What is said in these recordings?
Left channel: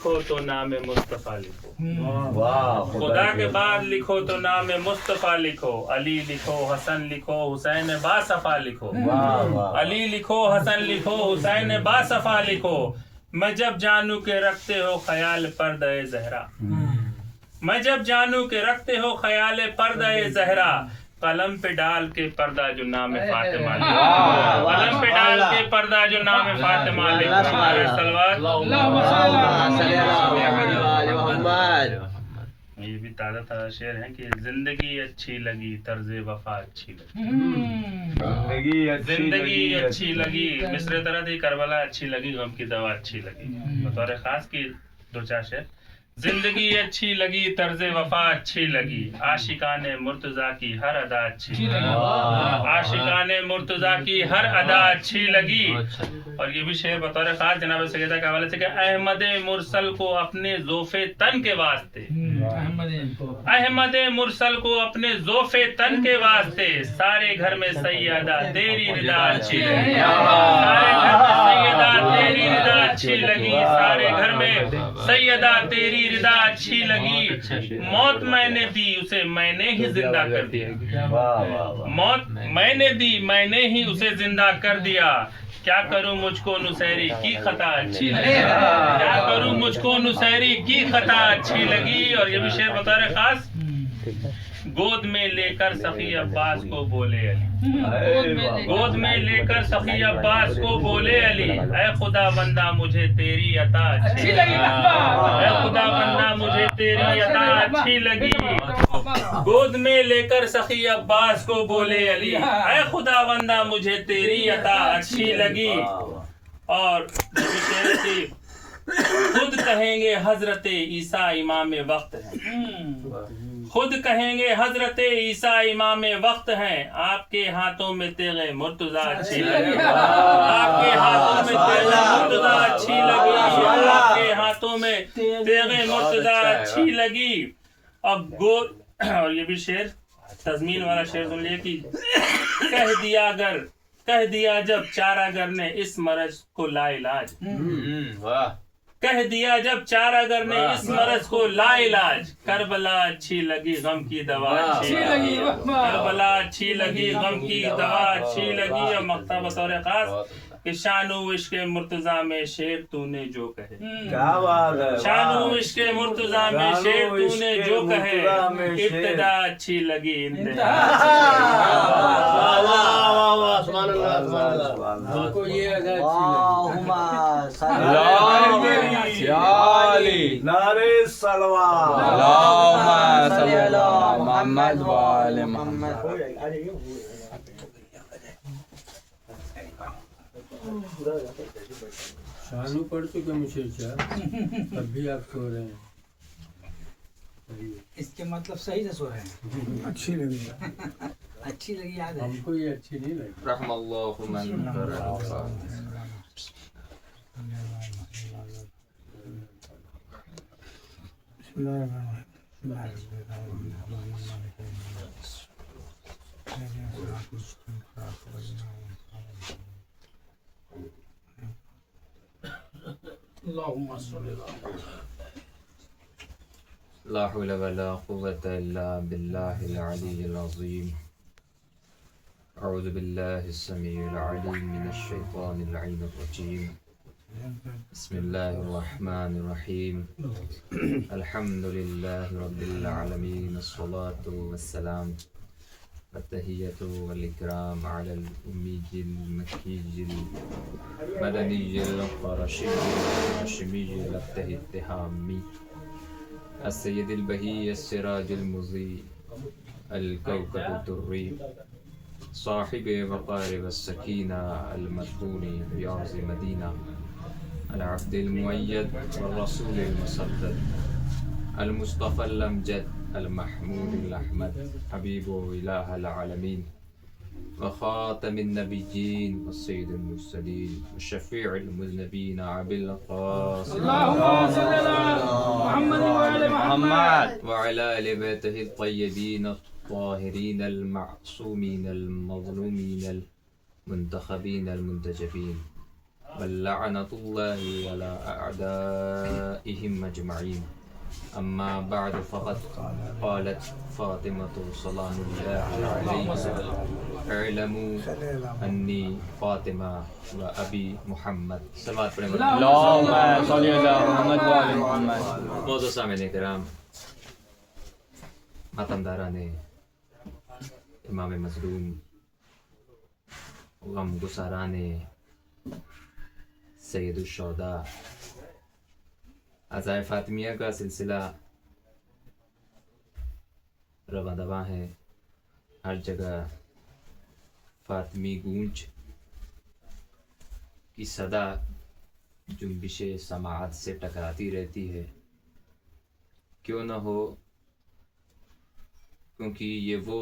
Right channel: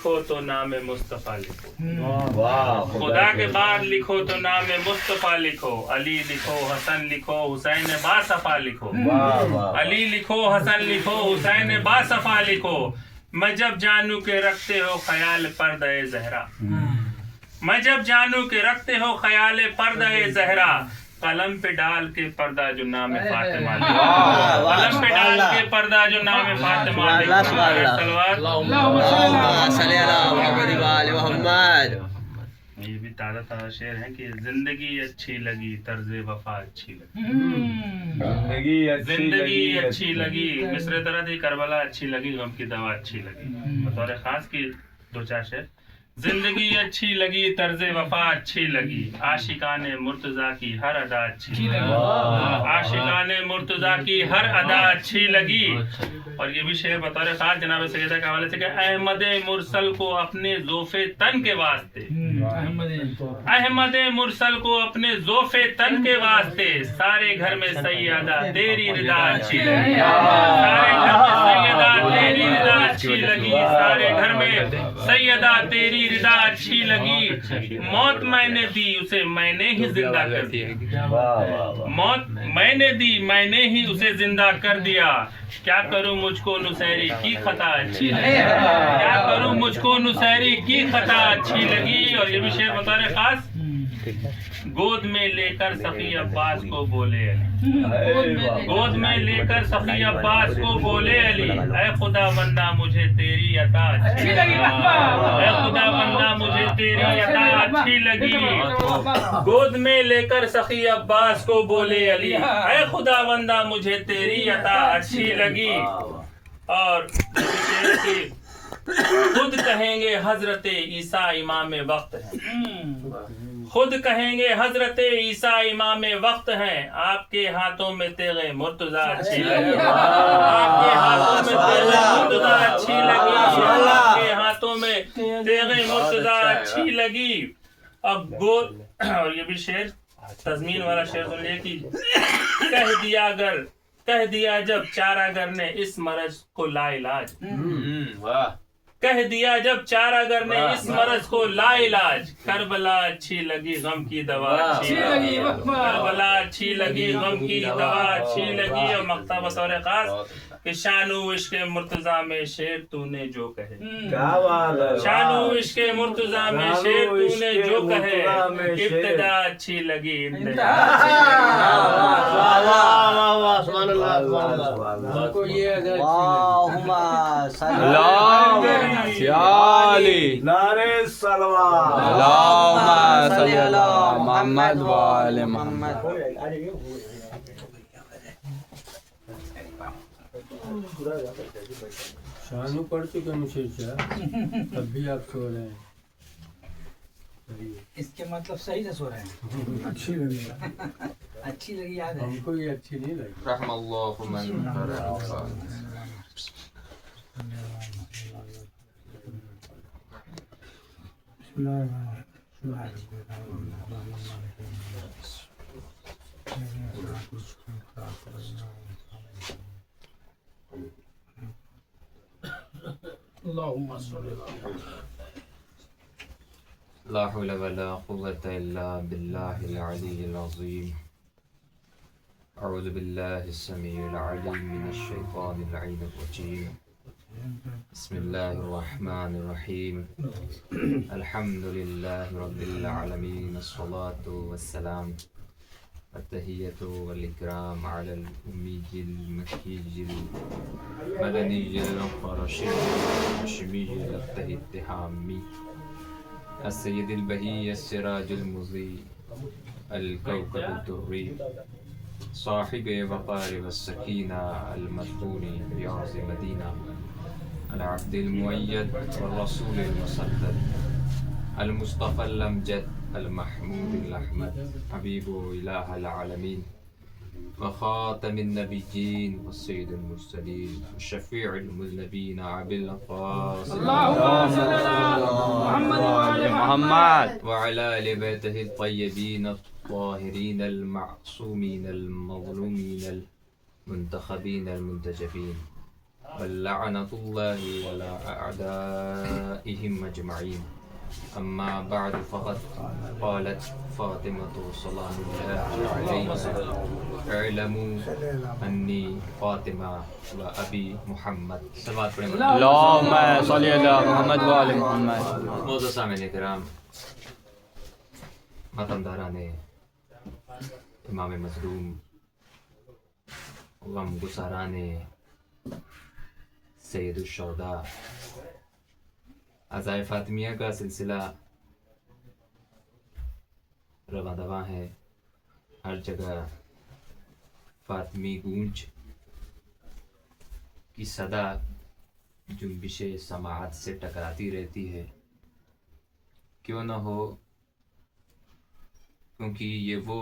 لکھو تو نام مصطفیٰ لکھو، خدا کے بعد لکھو تو نام مصطفیٰ لکھو، علی لکھو حسن لکھو حسین باصفا لکھو، علی لکھو حسن لکھو حسین باصفا لکھو، میں جب جانوں کہ رکھتے ہو خیال پردہ زہرا، میں جب جانوں کہ رکھتے ہو خیال پردہ زہرا، قلم پہ ڈال کے پردہ جو نام فاطمہ لکھو، قلم پہ ڈال کے پردہ جو نام فاطمہ لکھو، یہ بھی تازہ تازہ شعر ہے کہ زندگی اچھی لگی طرز وفا اچھی لگی، زندگی اچھی لگی، مصر طرح تھی کربلا اچھی لگی، غم کی دوا اچھی لگی، بطور خاص کی دو چار شعر، زندگی اچھی لگی طرز وفا اچھی لگی، عاشقان مرتضیٰ کی ہر ادا اچھی لگی، عاشقان مرتضیٰ کی ہر ادا اچھی لگی، اور یہ بھی شعر بطور خاص جناب سیدہ کے حوالے سے کہ احمد مرسل کو اپنے ذوف تن کے واسطے، احمد مرسل کو اپنے ذوف تن کے واسطے، سارے گھر میں سیدہ تیری رضا اچھی لگی، سارے گھر میں سیدہ تیری رضا اچھی لگی، سارے گھر میں سیدہ تیری رضا اچھی لگی، موت میں نے دی اسے میں نے ہی زندہ کر دیا، موت میں نے دی میں نے ہی اسے زندہ کر دیا، کیا کروں مجھ کو نصیری کی خطا اچھی لگی، کیا کروں مجھ کو نصیری کی خطا اچھی لگی، اور یہ بھی شعر بطور خاص، گود میں لے کر سخی عباس کو بولے علی، گود میں لے کر سخی عباس کو بولے علی، اے خدا بندہ مجھے تیری عطا اچھی لگی، اے خدا بندہ مجھے تیری عطا اچھی لگی، گود میں لے کر سخی عباس کو بولے علی، اے خدا بندہ مجھے تیری عطا اچھی لگی، اور خود کہیں گے حضرت عیسیٰ امام وقت ہیں، خود کہیں گے حضرت عیسیٰ امام وقت ہیں، آپ کے ہاتھوں میں تیغ مرتضیٰ اچھی لگی، آپ کے ہاتھوں میں تیغ مرتضیٰ اچھی لگی، آپ کے ہاتھوں میں تیغ مرتضیٰ اچھی لگی، اب اور یہ بھی شعر تضمین والا شعر سن لیے کہ کہہ دیا جب چارہ گر نے اس مرض کو لا علاج، کہہ دیا جب چارہ گر نے اس مرض کو لا علاج، کربلا اچھی لگی غم کی دوا اچھی لگی، کربلا اچھی لگی غم کی دوا اچھی لگی، اور مقطع بطور خاص کہ شان و عشق مرتضیٰ میں شعر تو نے جو کہے، شان و عشق مرتضیٰ میں شعر تو نے جو کہے، ابتدا اچھی لگی انتہا نعرے صلوات اللہم صلی علی محمد و آل محمد. شانو پڑھ چکے مشیشہ تب بھی آپ سو رہے ہیں، اس کے مطلب صحیح سے سو رہے ہیں، اچھی لگی اچھی لگی یاد ہے، ہم کو یہ اچھی نہیں لگی. رحم اللہ من قرأ. لا حول ولا قوة إلا بالله العلي العظيم. أعوذ بالله السميع العليم من الشيطان اللعين الرجيم. بسم الله الرحمن الرحيم. الحمد لله رب العالمين، الصلاة والسلام والتحية والإكرام على الأمي المكي المدني القرشي الهاشمي التهامي السيد البهي السراج المضيء الكوكب الدري صاحب وقار والسكينة المدفون بأرض مدينة العبد المؤيد والرسول المسدد المصطفى الأمجد المحمود الأحمد حبيب إله العالمين وخاتم النبيين والسيد المرسلين والشفيع المذنبين أبي القاسم اللهم صل على محمد وآل محمد وعلى آل بيته الطيبين الطاهرين المعصومين المظلومين المنتخبين المنتجبين ولعنة الله على أعدائهم أجمعين. أما بعد فقد قالت فاطمة سلام الله عليها اعلموا أني فاطمة وأبي محمد. صلوات پڑھیں. اللهم صل على محمد وآل محمد. معزز سامعین کرام، ماتمداران امام مظلوم، غم گساران سید الشہداء، عزائے فاطمیہ کا سلسلہ رواں دواں ہے. ہر جگہ فاطمی گونج کی صدا جنبش سماعت سے ٹکراتی رہتی ہے. کیوں نہ ہو، کیونکہ یہ وہ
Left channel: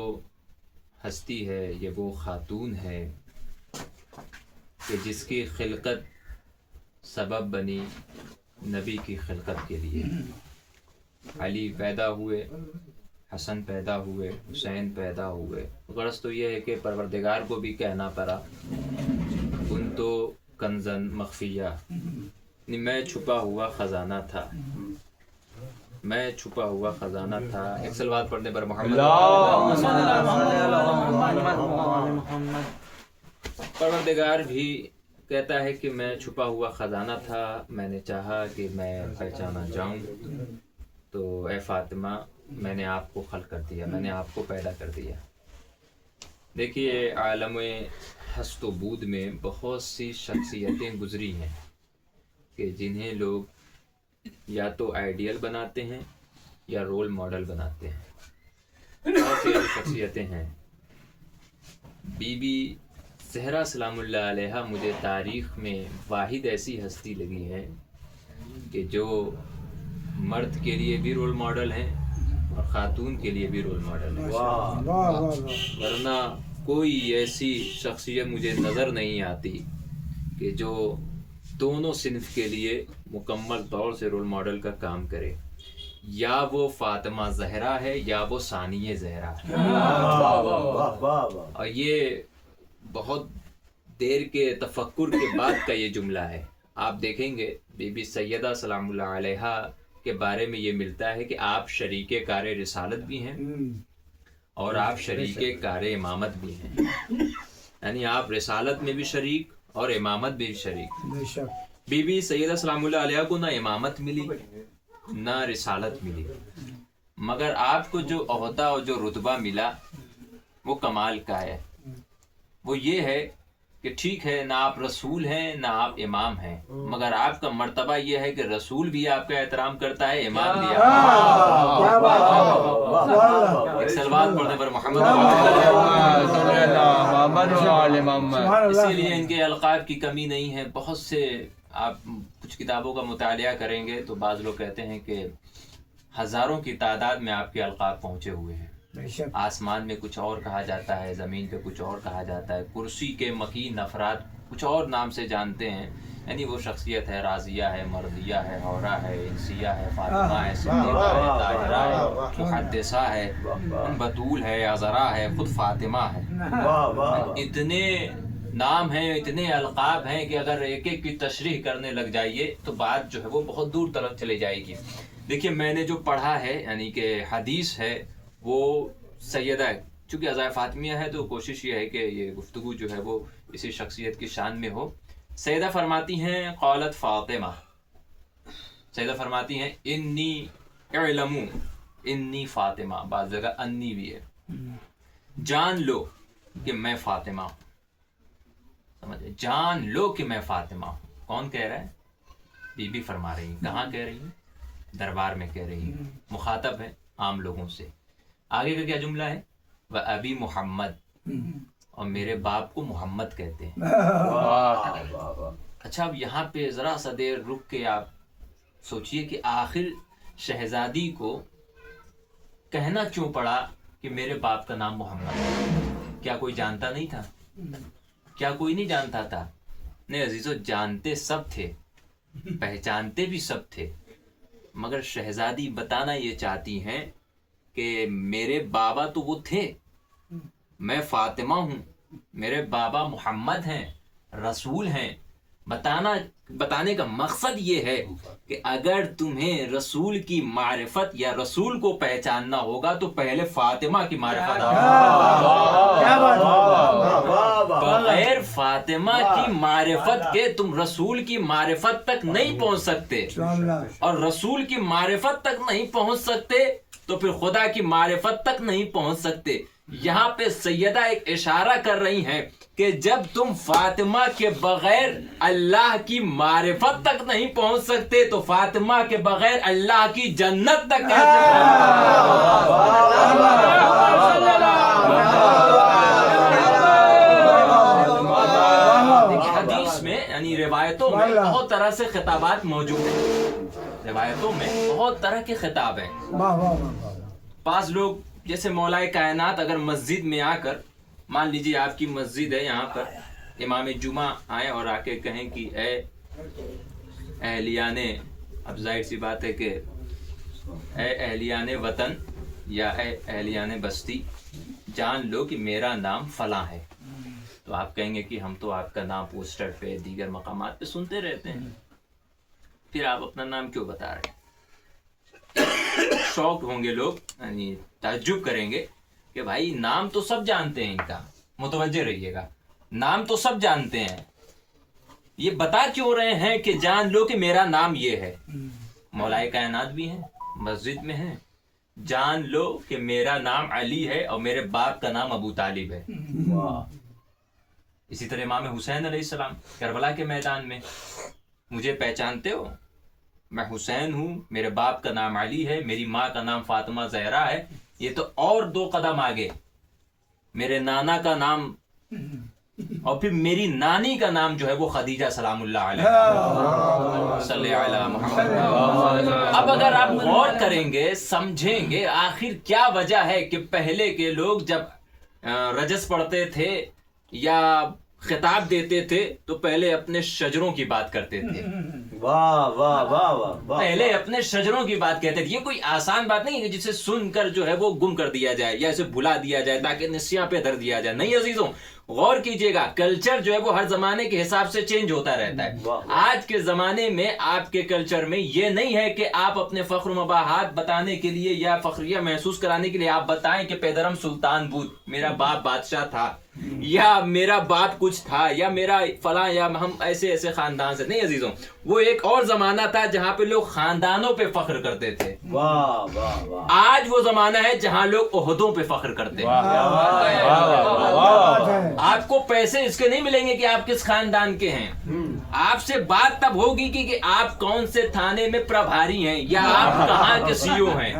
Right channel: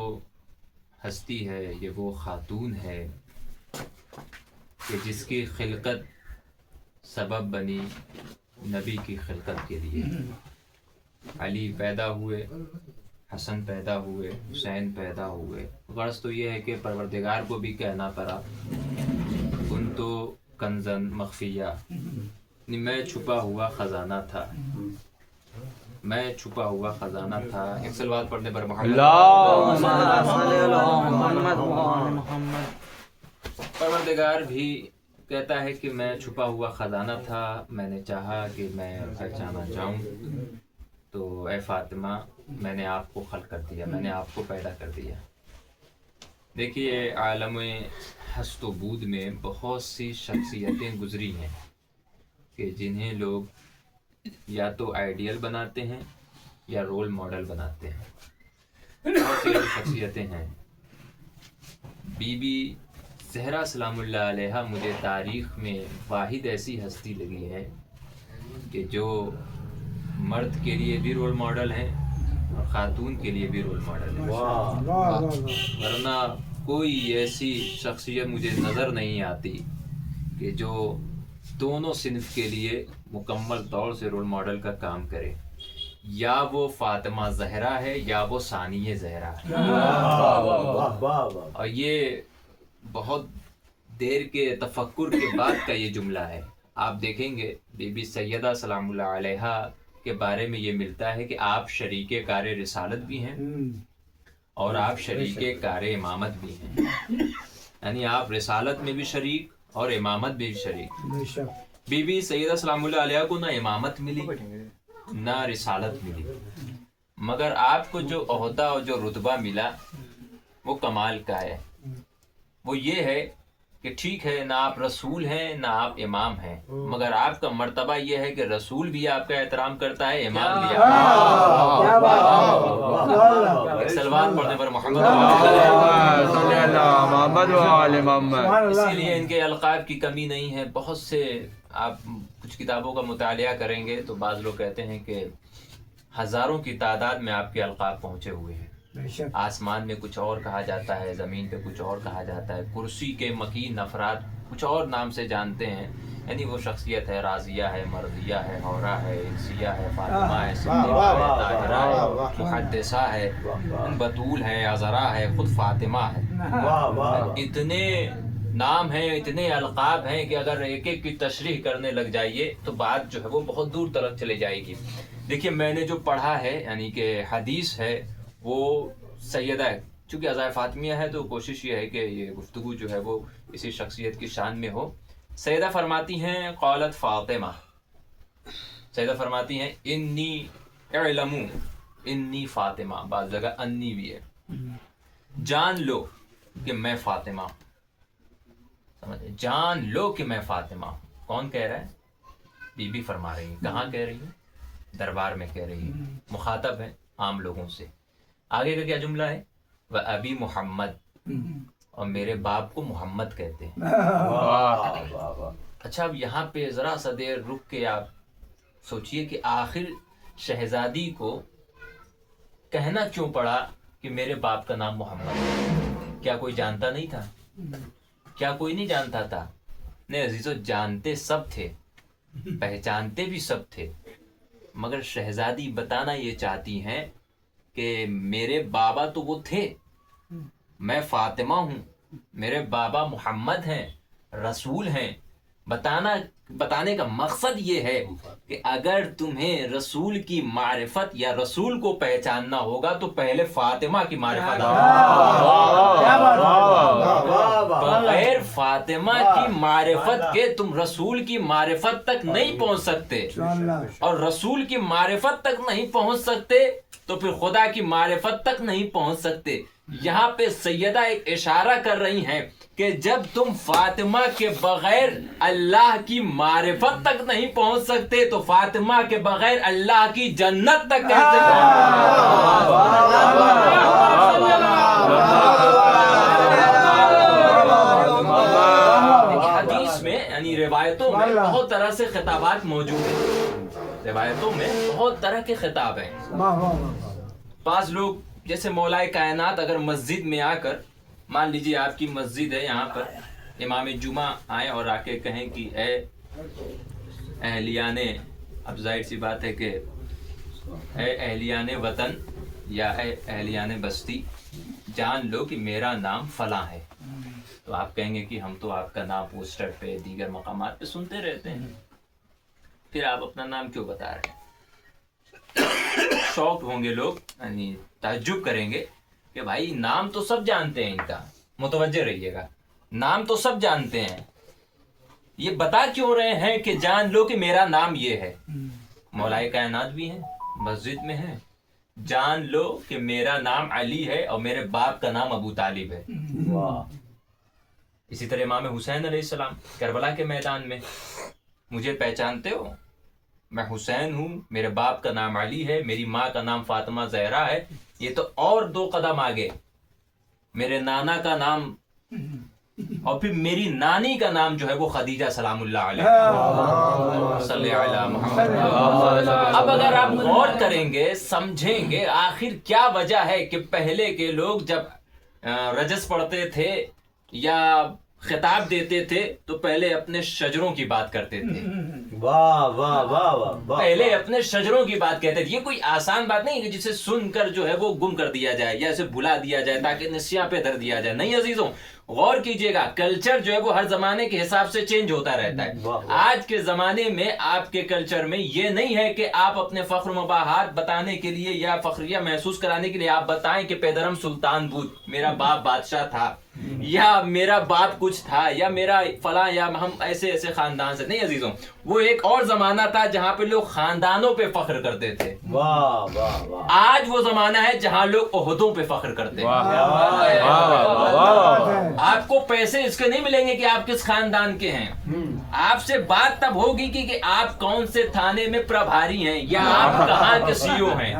ہستی ہے، یہ وہ خاتون ہے کہ جس کی خلقت سبب بنی نبی کی خلقت کے لیے. علی پیدا ہوئے، حسن پیدا ہوئے، حسین پیدا ہوئے. غرض تو یہ ہے کہ پروردگار کو بھی کہنا پڑا کنتو کنزن مخفیہ، میں چھپا ہوا خزانہ تھا، میں چھپا ہوا خزانہ تھا. ایک صلوات پڑھنے پر محمد. پروردگار بھی کہتا ہے کہ میں چھپا ہوا خزانہ تھا، میں نے چاہا کہ میں پہچانا جاؤں، تو اے فاطمہ میں نے آپ کو خلق کر دیا، میں نے آپ کو پیدا کر دیا. دیکھیے عالم ہست و بود میں بہت سی شخصیتیں گزری ہیں کہ جنہیں لوگ یا تو آئیڈیل بناتے ہیں یا رول ماڈل بناتے ہیں. بہت سی شخصیتیں ہیں. بی بی زہرا سلام اللہ علیہ مجھے تاریخ میں واحد ایسی ہستی لگی ہے کہ جو مرد کے لیے بھی رول ماڈل ہیں اور خاتون کے لیے بھی رول ماڈل ہیں. ورنہ کوئی ایسی شخصیت مجھے نظر نہیں آتی کہ جو دونوں صنف کے لیے مکمل طور سے رول ماڈل کا کام کرے. یا وہ فاطمہ زہرا ہے یا وہ ثانیہ زہرا ہے. اور یہ بہت دیر کے تفکر کے بعد کا یہ جملہ ہے. آپ دیکھیں گے بی بی سیدہ سلام اللہ علیہ کے بارے میں یہ ملتا ہے کہ آپ شریک کار رسالت بھی ہیں اور آپ شریک کار امامت بھی ہیں. یعنی آپ رسالت میں بھی شریک اور امامت بھی شریک. بی بی سیدہ سلام اللہ علیہ کو نہ امامت ملی نہ رسالت ملی، مگر آپ کو جو عہدہ اور جو رتبہ ملا وہ کمال کا ہے. وہ یہ ہے کہ ٹھیک ہے نہ آپ رسول ہیں نہ آپ امام ہیں، مگر آپ کا مرتبہ یہ ہے کہ رسول بھی آپ کا احترام کرتا ہے، امام بھی آپ کا. ایک صلوات پڑھنے پر محمد. اسی لیے ان کے القاب کی کمی نہیں ہے. بہت سے آپ کچھ کتابوں کا مطالعہ کریں گے تو بعض لوگ کہتے ہیں کہ ہزاروں کی تعداد میں آپ کے القاب پہنچے ہوئے ہیں. آسمان میں کچھ اور کہا جاتا ہے، زمین پہ کچھ اور کہا جاتا ہے. کرسی کے مکین افراد کچھ اور نام سے جانتے ہیں. یعنی وہ شخصیت ہے راضیہ ہے، مرضیہ ہے، حورہ ہے، انسیہ ہے، فاطمہ ہے، صدیقہ ہے، طاہرہ ہے، محدثہ ہے، بطول ہے، عذرا ہے، خود فاطمہ ہے. اتنے نام ہیں، اتنے القاب ہیں کہ اگر ایک ایک کی تشریح کرنے لگ جائیے تو بات جو ہے وہ بہت دور تک چلے جائے گی. دیکھیے میں نے جو پڑھا ہے یعنی کہ حدیث ہے وہ سیدہ ہے. چونکہ عزائے فاطمیہ ہے تو کوشش یہ ہے کہ یہ گفتگو جو ہے وہ اسی شخصیت کی شان میں ہو. سیدہ فرماتی ہیں قالت فاطمہ، سیدہ فرماتی ہیں انی اعلمو انی فاطمہ، بعض جگہ انی بھی ہے. جان لو کہ میں فاطمہ ہوں. سمجھے؟ جان لو کہ میں فاطمہ ہوں. کون کہہ رہا ہے؟ بی بی فرما رہی ہیں. کہاں کہہ رہی ہیں؟ دربار میں کہہ رہی ہیں. مخاطب ہے عام لوگوں سے. آگے کا کیا جملہ ہے؟ وَأَبِي محمد، اور میرے باپ کو محمد کہتے ہیں. اچھا اب یہاں پہ ذرا سا دیر رک کے آپ سوچئے کہ آخر شہزادی کو کہنا کیوں پڑا کہ میرے باپ کا نام محمد ہے؟ کیا کوئی جانتا نہیں تھا؟ کیا کوئی نہیں جانتا تھا؟ نہیں عزیزو، جانتے سب تھے، پہچانتے بھی سب تھے، مگر شہزادی بتانا یہ چاہتی ہیں کہ میرے بابا تو وہ تھے، میں فاطمہ ہوں، میرے بابا محمد ہیں، رسول ہیں، بتانے کا مقصد یہ ہے کہ اگر تمہیں رسول کی معرفت یا رسول کو پہچاننا ہوگا تو پہلے فاطمہ کی معرفت بغیر فاطمہ کی معرفت کے تم رسول کی معرفت تک نہیں پہنچ سکتے، اور رسول کی معرفت تک نہیں پہنچ سکتے تو پھر خدا کی معرفت تک نہیں پہنچ سکتے۔ یہاں پہ سیدہ ایک اشارہ کر رہی ہیں کہ جب تم فاطمہ کے بغیر اللہ کی معرفت تک نہیں پہنچ سکتے تو فاطمہ کے بغیر اللہ کی جنت تک کیسے حدیث میں یعنی روایتوں میں بہت طرح سے خطابات موجود ہیں، روایتوں میں بہت طرح کے خطاب ہیں۔ بعض لوگ جیسے مولا کائنات اگر مسجد میں آ کر، مان لیجیے آپ کی مسجد ہے، یہاں پر امام جمعہ آئیں اور آ کے کہیں کہ اے اہلیان، اب ظاہر سی بات ہے کہ اے اہلیان وطن یا اے اہلیان بستی، جان لو کہ میرا نام فلاں ہے، تو آپ کہیں گے کہ ہم تو آپ کا نام پوسٹر پہ دیگر مقامات پہ سنتے رہتے ہیں، پھر آپ اپنا نام کیوں بتا رہے ہیں؟ شوق ہوں گے لوگ، یعنی تعجب کریں گے کہ بھائی نام تو سب جانتے ہیں ان کا، متوجہ رہیے گا، نام تو سب جانتے ہیں، یہ بتا کیوں رہے ہیں کہ جان لو کہ میرا نام یہ ہے؟ مولا کائنات بھی ہیں، مسجد میں ہیں، جان لو کہ میرا نام علی ہے اور میرے باپ کا نام ابو طالب ہے۔ اسی طرح امام حسین علیہ السلام کربلا کے میدان میں، مجھے پہچانتے ہو؟ میں حسین ہوں، میرے باپ کا نام علی ہے، میری ماں کا نام فاطمہ زہرا ہے، یہ تو اور 2 قدم آگے، میرے نانا کا نام اور پھر میری نانی کا نام جو ہے وہ خدیجہ سلام اللہ علیہ صلی علی محمد۔ اب اگر آپ غور کریں گے، سمجھیں گے آخر کیا وجہ ہے کہ پہلے کے لوگ جب رجس پڑھتے تھے یا خطاب دیتے تھے تو پہلے اپنے شجروں کی بات کرتے تھے، واہ واہ واہ واہ، پہلے اپنے شجروں کی بات کہتے تھے۔ یہ کوئی آسان بات نہیں ہے کہ جسے سن کر جو ہے وہ گم کر دیا جائے یا اسے بھلا دیا جائے تاکہ نسیاں پہ دھر دیا جائے، نہیں عزیزوں، غور کیجئے گا، کلچر جو ہے وہ ہر زمانے کے حساب سے چینج ہوتا رہتا ہے۔ آج کے زمانے میں آپ کے کلچر میں یہ نہیں ہے کہ آپ اپنے فخر و مباحات بتانے کے لیے یا فخریہ محسوس کرانے کے لیے آپ بتائیں کہ پیدرم سلطان بود، میرا باپ بادشاہ تھا، یا میرا باپ کچھ تھا، یا میرا فلاں، یا ہم ایسے ایسے خاندان سے، نہیں عزیزوں، وہ ایک اور زمانہ تھا جہاں پہ لوگ خاندانوں پہ فخر کرتے تھے۔ واہ واہ واہ، آج وہ زمانہ ہے جہاں لوگ عہدوں پہ فخر کرتے ہیں۔ آپ کو پیسے اس کے نہیں ملیں گے کہ آپ کس خاندان کے ہیں، آپ سے بات تب ہوگی کہ آپ کون سے تھانے میں پربھاری ہیں یا آپ کہاں کے سی او ہیں۔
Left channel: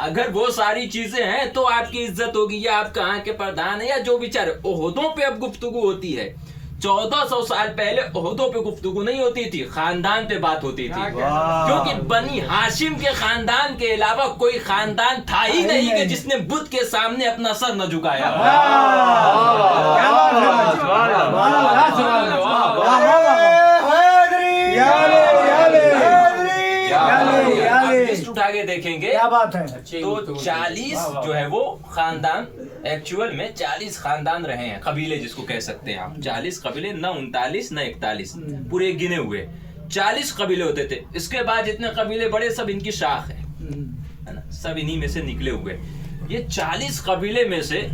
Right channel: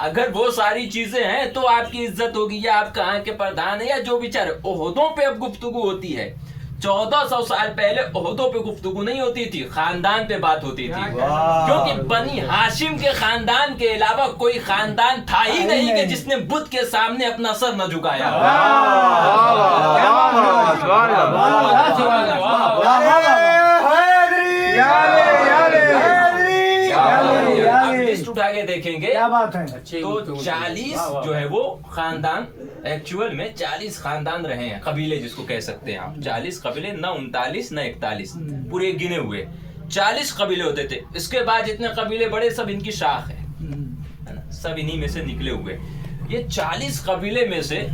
اگر وہ ساری چیزیں ہیں تو آپ کی عزت ہوگی، یا آپ کہاں کے پردھان ہیں یا جو بیچارے۔ عہدوں پہ اب گفتگو ہوتی ہے، 1400 سال پہلے عہدوں پہ گفتگو نہیں ہوتی تھی، خاندان پہ بات ہوتی تھی، کیونکہ بنی ہاشم کے خاندان کے علاوہ کوئی خاندان تھا ہی نہیں کہ جس نے بت کے سامنے اپنا سر نہ جھکایا۔ لسٹ اٹھا کے دیکھیں گے تو 40 جو ہے وہ خاندان، ایکچوئل میں 40 خاندان رہے ہیں، قبیلے جس کو کہہ سکتے ہیں آپ، 40 قبیلے، نہ 39 نہ 41، پورے گنے ہوئے 40 قبیلے ہوتے تھے۔ اس کے بعد جتنے قبیلے بڑے سب ان کی شاخ ہے نا، سب انہی میں سے نکلے ہوئے۔ یہ 40 قبیلے میں سے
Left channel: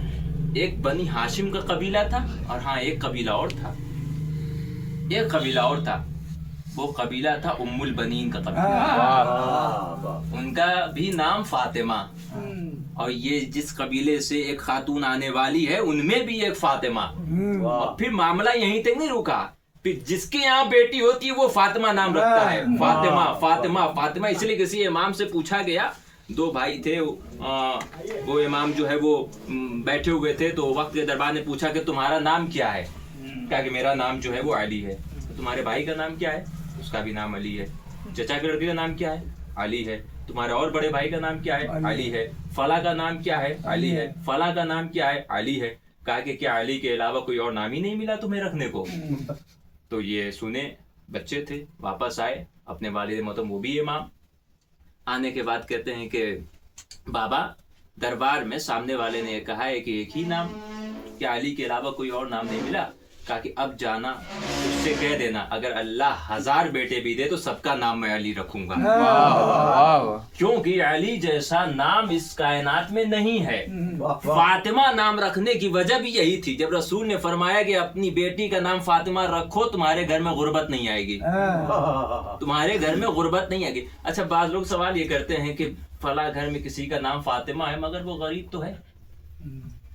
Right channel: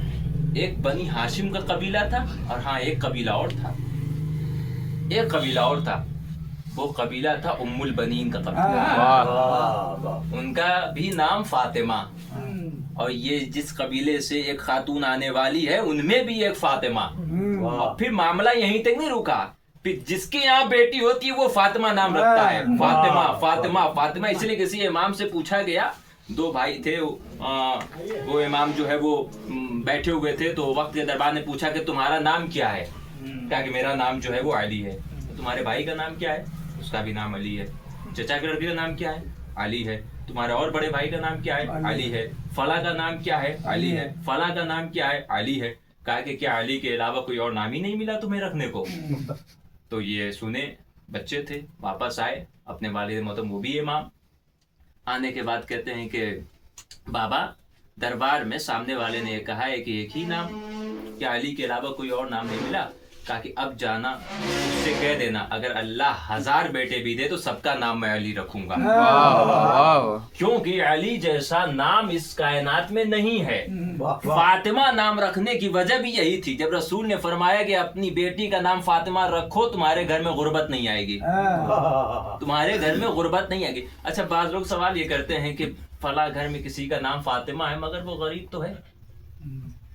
ایک بنی ہاشم کا قبیلہ تھا، اور ہاں ایک قبیلہ اور تھا، ایک قبیلہ اور تھا، وہ قبیلہ تھا ام البنین کا قبیلہ، ان کا بھی نام فاطمہ، اور یہ جس قبیلے سے ایک خاتون آنے والی ہے ان میں بھی ایک فاطمہ۔ اور پھر معاملہ یہیں تک نہیں رکا، پھر جس کے یہاں بیٹی ہوتی ہے وہ فاطمہ نام رکھتا ہے، فاطمہ فاطمہ فاطمہ۔ اس لیے کسی امام سے پوچھا گیا، 2 بھائی تھے، وہ امام جو ہے وہ بیٹھے ہوئے تھے تو وقت کے دربار نے پوچھا کہ تمہارا نام کیا ہے؟ کہا کہ میرا نام جو ہے وہ علی ہے۔ تمہارے بھائی کا نام کیا ہے؟ اس کا بھی نام علی ہے۔ چچا کے لڑکے کا نام کیا ہے؟ علی ہے۔ تمہارے اور بڑے بھائی کا نام کیا ہے؟ علی ہے۔ فلاں کا نام کیا ہے؟ علی ہے۔ فلاں کا نام کیا ہے؟ علی ہے۔ کہا کہ کیا علی کے علاوہ کوئی اور نام ہی نہیں ملا تمہیں رکھنے کو؟ تو یہ سنے، بچے تھے، واپس آئے، اپنے والد محترم وہ بھی امام، آنے کے بعد کہتے ہیں کہ بابا دربار میں سامنے والے نے کہا ہے کہ ایک ہی نام، کیا علی کے علاوہ کوئی اور نام نہیں ملا؟ کہا کہ اب جانا اس سے کہہ دینا اگر اللہ 1000 بیٹے بھی دے تو سب کا نام میں علی رکھوں گا، کیونکہ علی جیسا نام اس کائنات میں نہیں ہے۔ فاطمہ نام رکھنے کی وجہ بھی یہی تھی، جب رسول نے فرمایا کہ اپنی بیٹی کا نام فاطمہ رکھو تمہارے گھر میں غربت نہیں آئے گی، تمہارے گھر میں غربت نہیں آئے گی۔ اچھا بعض لوگ سوال یہ کرتے ہیں کہ فلاں گھر میں کسی کا نام فاطمہ ہے مگر وہ غریب تو ہے،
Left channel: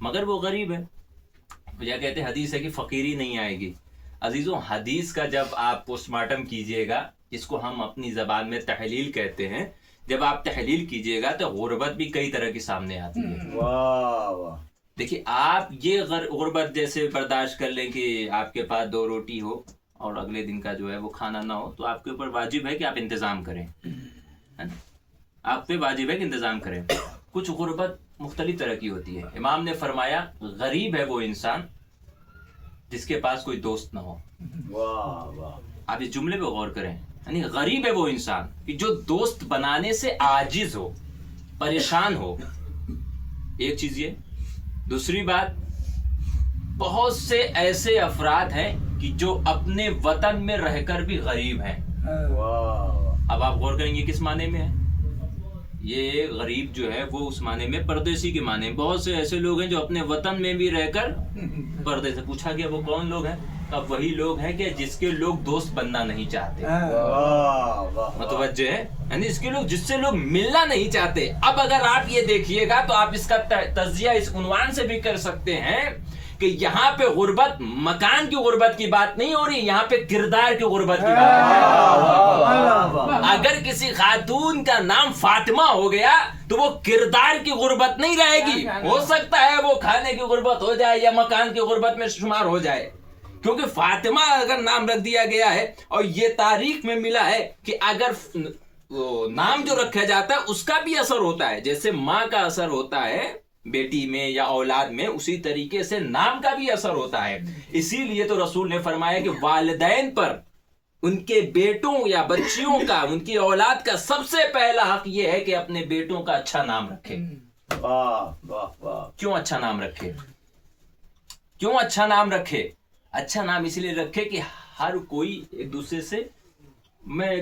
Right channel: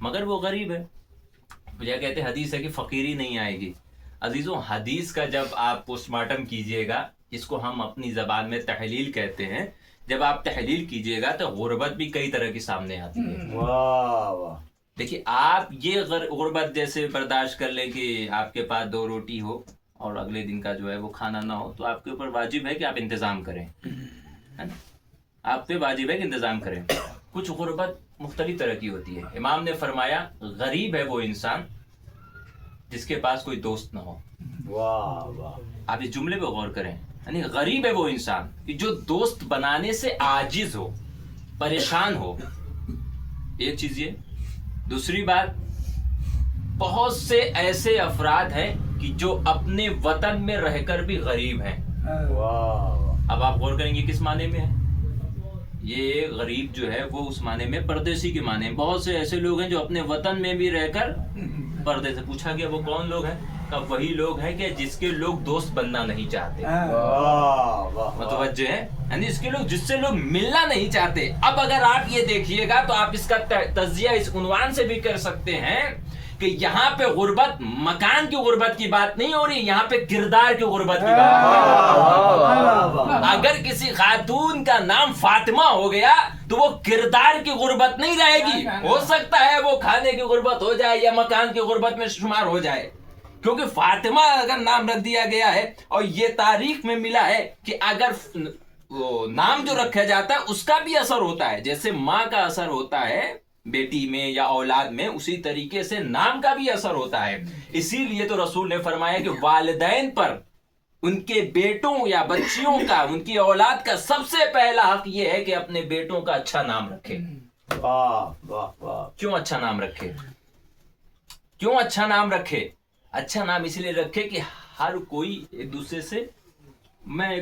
مگر وہ غریب ہے، یہ کہتے ہیں حدیث ہے کہ فقیری نہیں آئے گی۔ عزیزوں حدیث کا جب آپ پوسٹ مارٹم کیجئے گا، جس کو ہم اپنی زبان میں تحلیل کہتے ہیں، جب آپ تحلیل کیجئے گا تو غربت بھی کئی طرح کی سامنے آتی ہے۔ دیکھیے آپ یہ غربت جیسے برداشت کر لیں کہ آپ کے پاس 2 روٹی ہو اور اگلے دن کا جو ہے وہ کھانا نہ ہو، تو آپ کے اوپر واجب ہے کہ آپ انتظام کریں، ہے نا؟ آپ پہ واجب ہے کہ انتظام کریں۔ کچھ غربت مختلف طرح کی ہوتی ہے۔ امام نے فرمایا غریب ہے وہ انسان جس کے پاس کوئی دوست نہ ہو۔ آپ اس جملے پہ غور کریں، یعنی غریب ہے وہ انسان کہ جو دوست بنانے سے عاجز ہو، پریشان ہو، ایک چیز یہ۔ دوسری بات، بہت سے ایسے افراد ہیں کہ جو اپنے وطن میں رہ کر بھی غریب ہیں۔ اب آپ غور کریں گے کس معنی میں ہے یہ غریب جو ہے، وہ اس معنی میں پردیسی کے معنی میں۔ بہت سے ایسے لوگ ہیں جو اپنے وطن میں بھی رہ کر پردے سے۔ پوچھا گیا وہ کون لوگ ہیں؟ کہ وہی لوگ ہیں کہ جس کے لوگ دوست بننا نہیں چاہتے، متوجہ ہے، یعنی اس کے لوگ جس سے لوگ ملنا نہیں چاہتے۔ اب اگر آپ یہ دیکھیے گا تو آپ اس کا تجزیہ اس عنوان سے بھی کر سکتے ہیں کہ یہاں پہ غربت مکان کی غربت کی بات نہیں ہو رہی، یہاں پہ کردار کی غربت کی بات ہو رہی۔ اگر کسی خاتون کا نام فاطمہ ہو گیا تو وہ کردار کی غربت نہیں رہے گی، ہو سکتا ہے وہ کھانے کی غربت ہو جائے یا مکان کی غربت میں شمار ہو جائے، کیونکہ فاطمہ اگر نام رکھ دیا گیا ہے اور یہ تاریخ میں ملا ہے کہ اگر نام جو رکھا جاتا ہے اس کا بھی اثر ہوتا ہے، جیسے ماں کا اثر ہوتا ہے بیٹی میں یا اولاد میں، اسی طریقے سے نام کا بھی اثر ہوتا ہے۔ اسی لیے تو رسول نے فرمایا کہ والدین پر ان کے بیٹوں یا بچیوں کا، ان کی اولاد کا سب سے پہلا حق یہ ہے کہ اپنے بیٹوں کا اچھا نام رکھے۔ کیوں اچھا نام رکھے؟ کیوں اچھا نام رکھے؟ اچھا نام اس لیے رکھے کہ ہر کوئی ایک دوسرے سے، میں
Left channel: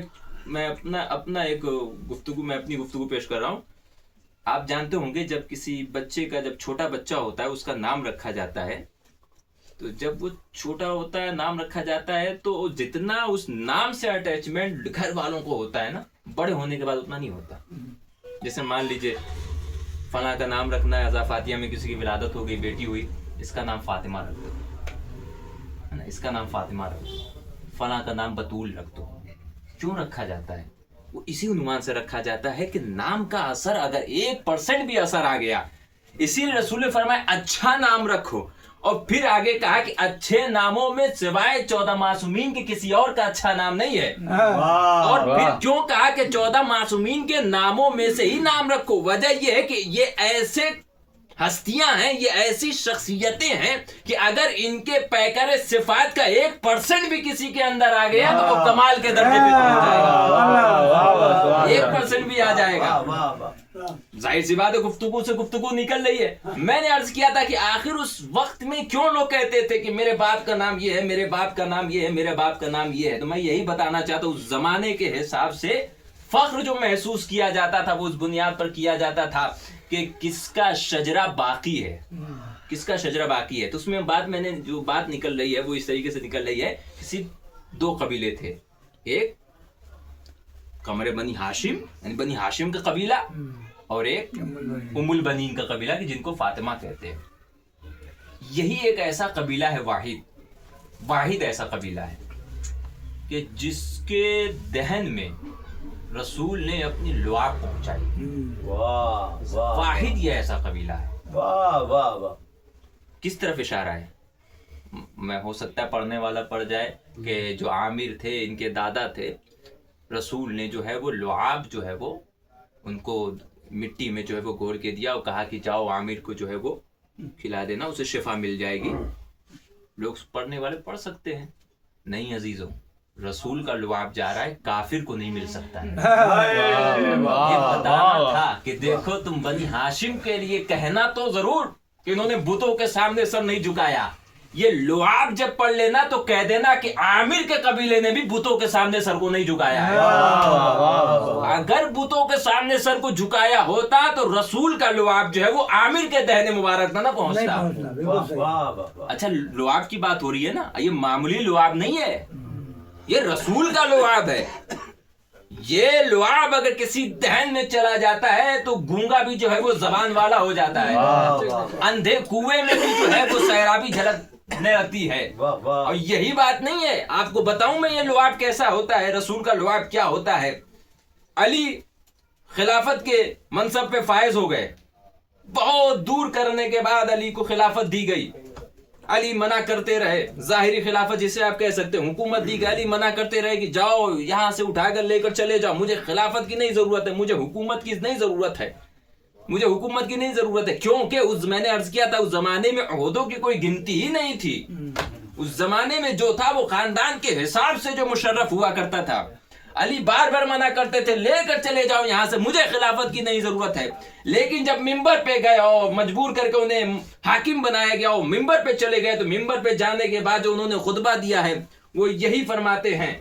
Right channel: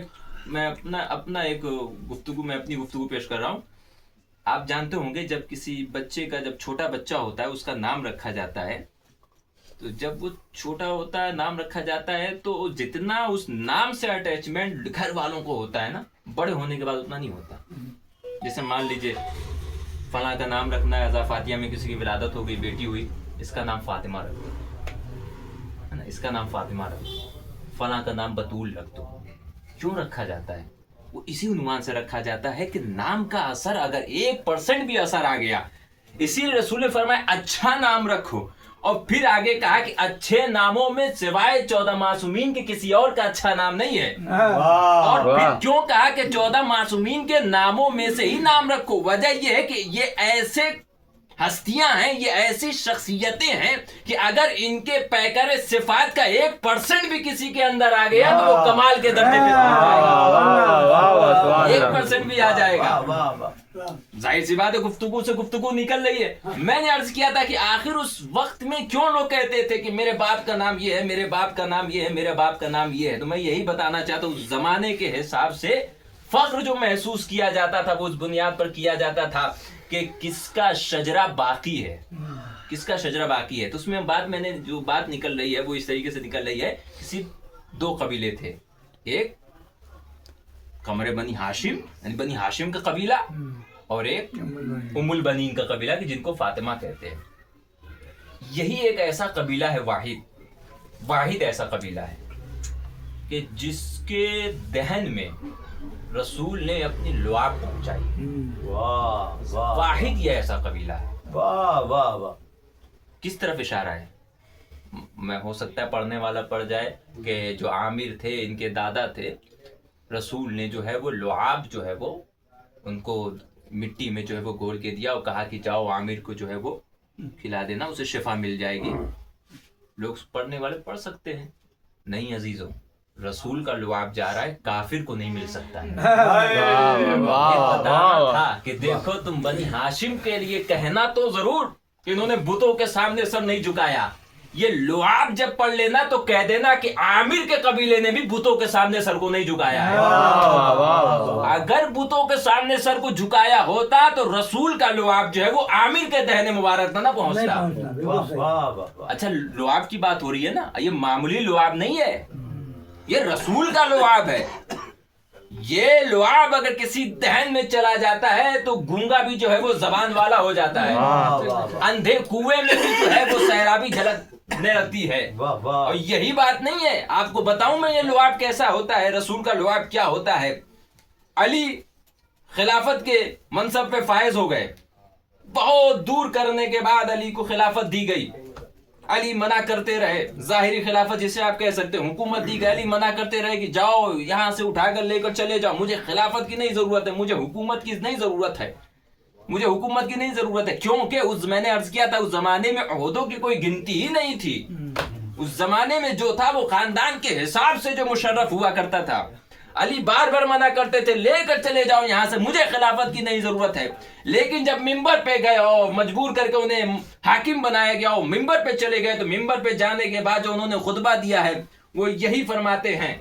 اپنی گفتگو پیش کر رہا ہوں۔ آپ جانتے ہوں گے جب کسی بچے کا، جب چھوٹا بچہ ہوتا ہے اس کا نام رکھا جاتا ہے، تو جب وہ چھوٹا ہوتا ہے نام رکھا جاتا ہے تو جتنا اس نام سے اٹیچمنٹ گھر والوں کو ہوتا ہے نا، بڑے ہونے کے بعد اتنا نہیں ہوتا۔ جیسے مان لیجئے فلاں کا نام رکھنا ہے، ازا فاتحہ میں کسی کی ولادت ہو گئی، بیٹی ہوئی، اس کا نام فاطمہ رکھ دو، اس کا نام فاطمہ رکھ دو، فلاں کا نام بطول رکھ دو۔ کیوں رکھا جاتا ہے؟ وہ اسی عنوان سے رکھا جاتا ہے کہ نام کا اثر اگر 1% بھی اثر آ گیا، اسی لیے رسول نے فرمایا اچھا نام رکھو، اور پھر آگے کہا کہ اچھے ناموں میں سوائے 14 معصومین کے کسی اور کا اچھا نام نہیں ہے۔ اور پھر کیوں کہا کہ 14 معصومین کے ناموں میں سے ہی نام رکھو؟ وجہ یہ ہے کہ یہ ایسے ہستیاں ہیں، یہ ایسی شخصیتیں ہیں کہ اگر ان کے پیکر صفات کا 1% بھی کسی کے اندر آ گیا تو وہ کمال کے درجے پہ پہنچ جائے گا، 1% بھی آ جائے گا۔ ظاہر سی بات ہے گفتگو سے گفتگو نکل رہی ہے۔ میں نے عرض کیا تھا کہ آخر اس وقت میں کیوں لوگ کہتے تھے کہ میرے باپ کا نام یہ ہے، میرے باپ کا نام یہ ہے، میرے باپ کا نام یہ ہے، تو میں یہی بتانا چاہتا ہوں اس زمانے کے حساب سے فخر جو محسوس کیا جاتا تھا وہ اس بنیاد پر کیا جاتا تھا کہ کس کا شجرہ باقی ہے، کس کا شجرہ باقی ہے۔ تو اس میں میں نے جو بات نکل رہی ہے وہ اس طریقے سے نکل رہی ہے کہ صرف 2 قبیلے تھے، ایک قمر بنی ہاشم یعنی بنی ہاشم کا قبیلہ، اور ایک ام البنین کا قبیلہ کہ جن کو فاطمہ کہتے ہیں۔ یہی ایک ایسا قبیلہ ہے، واحد ایسا قبیلہ ہے کہ جس کے دہن میں رسول نے اپنی لعاب پہنچائی۔ واحد یہ ایسا قبیلہ ہے۔ کس طرف اشارہ ہے؟ میں ہو سکتا ہے پڑھنے والا پڑھ جائے کہ جو عامر تھے، ان کے دادا تھے، رسول نے جو ہے وہ لعاب جو ہے وہ ان کو مٹی میں جو ہے وہ گھول کے دیا اور کہا کہ جاؤ عامر کو جو ہے وہ کھلا دینا، اسے شفا مل جائے گی۔ لوگ پڑھنے والے پڑھ سکتے ہیں، نہیں عزیزوں، رسول کا لعاب جا رہا ہے، کافر کو نہیں مل سکتا ہے۔ یہ بتانا تھا کہ دیکھو تم بنی ہاشم کے لیے کہنا تو ضرور کہ انہوں نے بتوں کے سامنے سر نہیں جھکایا، یہ لعاب جب پڑھ لینا تو کہہ دینا کہ عامر کے قبیلے نے بھی بتوں کے سامنے سر کو نہیں جھکایا ہے. اگر بتوں کے سامنے سر کو جھکایا ہوتا تو رسول کا لعاب جو ہے وہ عامر کے دہن مبارک نہ پہنچتا. اچھا لعاب کی بات ہو رہی ہے نا, یہ معمولی لعاب نہیں ہے, یہ رسول کا لعاب ہے. یہ لعاب اگر کسی دہن میں چلا جاتا ہے تو گونگا بھی جو ہے وہ زبان والا ہو جاتا ہے, اندھے کنویں میں بھی جو ہے وہ سیرابی جھلکنے لگتی ہے. اور یہی بات نہیں ہے, آپ کو بتاؤں میں یہ لعاب کیسا ہوتا ہے, رسول کا لعاب کیا ہوتا ہے. علی خلافت کے منصب پہ فائز ہو گئے, بہت دور کرنے کے بعد علی کو خلافت دی گئی. علی منع کرتے رہے, ظاہری خلافت جسے آپ کہہ سکتے ہیں, حکومت دی گئی. علی منع کرتے رہے کہ جاؤ یہاں سے اٹھا کر لے کر چلے جاؤ, مجھے خلافت کی نہیں ضرورت ہے, مجھے حکومت کی نہیں ضرورت ہے, مجھے حکومت کی نہیں ضرورت ہے. کیونکہ میں نے عرض کیا تھا اس زمانے میں عہدوں کی کوئی گنتی ہی نہیں تھی. اس زمانے میں جو تھا وہ خاندان کے حساب سے جو مشرف ہوا کرتا تھا. علی بار بار منع کرتے تھے, لے کر چلے جاؤ یہاں سے, مجھے خلافت کی نہیں ضرورت ہے. لیکن جب ممبر پہ گئے اور مجبور کر کے انہیں حاکم بنایا گیا اور ممبر پہ چلے گئے, تو ممبر پہ جانے کے بعد جو انہوں نے خطبہ دیا ہے وہ یہی فرماتے ہیں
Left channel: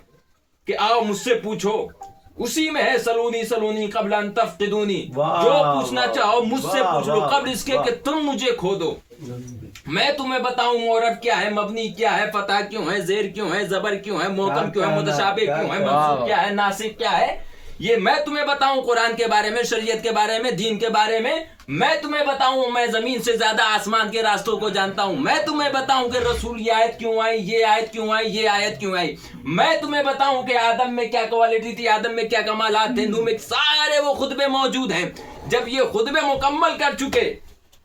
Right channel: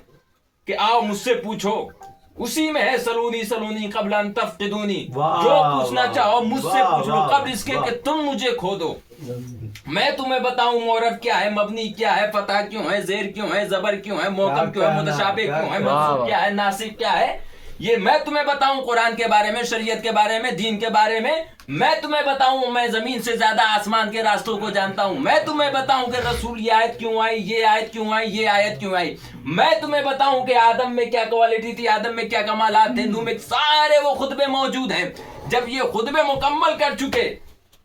کہ آؤ مجھ سے پوچھو, اسی میں ہے سلونی سلونی قبل ان تفقدونی, جو پوچھنا چاہو مجھ سے پوچھ لو قبل اس کے کہ تم مجھے کھو دو. میں تمہیں بتاؤں معرب کیا ہے, مبنی کیا ہے, فتح کیوں ہے, زیر کیوں ہے, زبر کیوں ہے, محکم کیوں ہے, متشابہ کیوں ہے, منصوب کیا ہے, ناسخ کیا ہے. یہ میں تمہیں بتاؤں قرآن کے بارے میں, شریعت کے بارے میں, دین کے بارے میں. میں تمہیں بتاؤں میں زمین سے زیادہ آسمان کے راستوں کو جانتا ہوں. میں تمہیں بتاؤں کہ رسول یہ آیت کیوں آئی, یہ آیت کیوں آئی, یہ آیت کیوں آئی. میں تمہیں بتاؤں کہ آدم میں کیا کوالٹی تھی, آدم میں کیا کمالات تھے, نوح میں, سارے وہ خطبے موجود ہیں. جب یہ خطبے مکمل کر چکے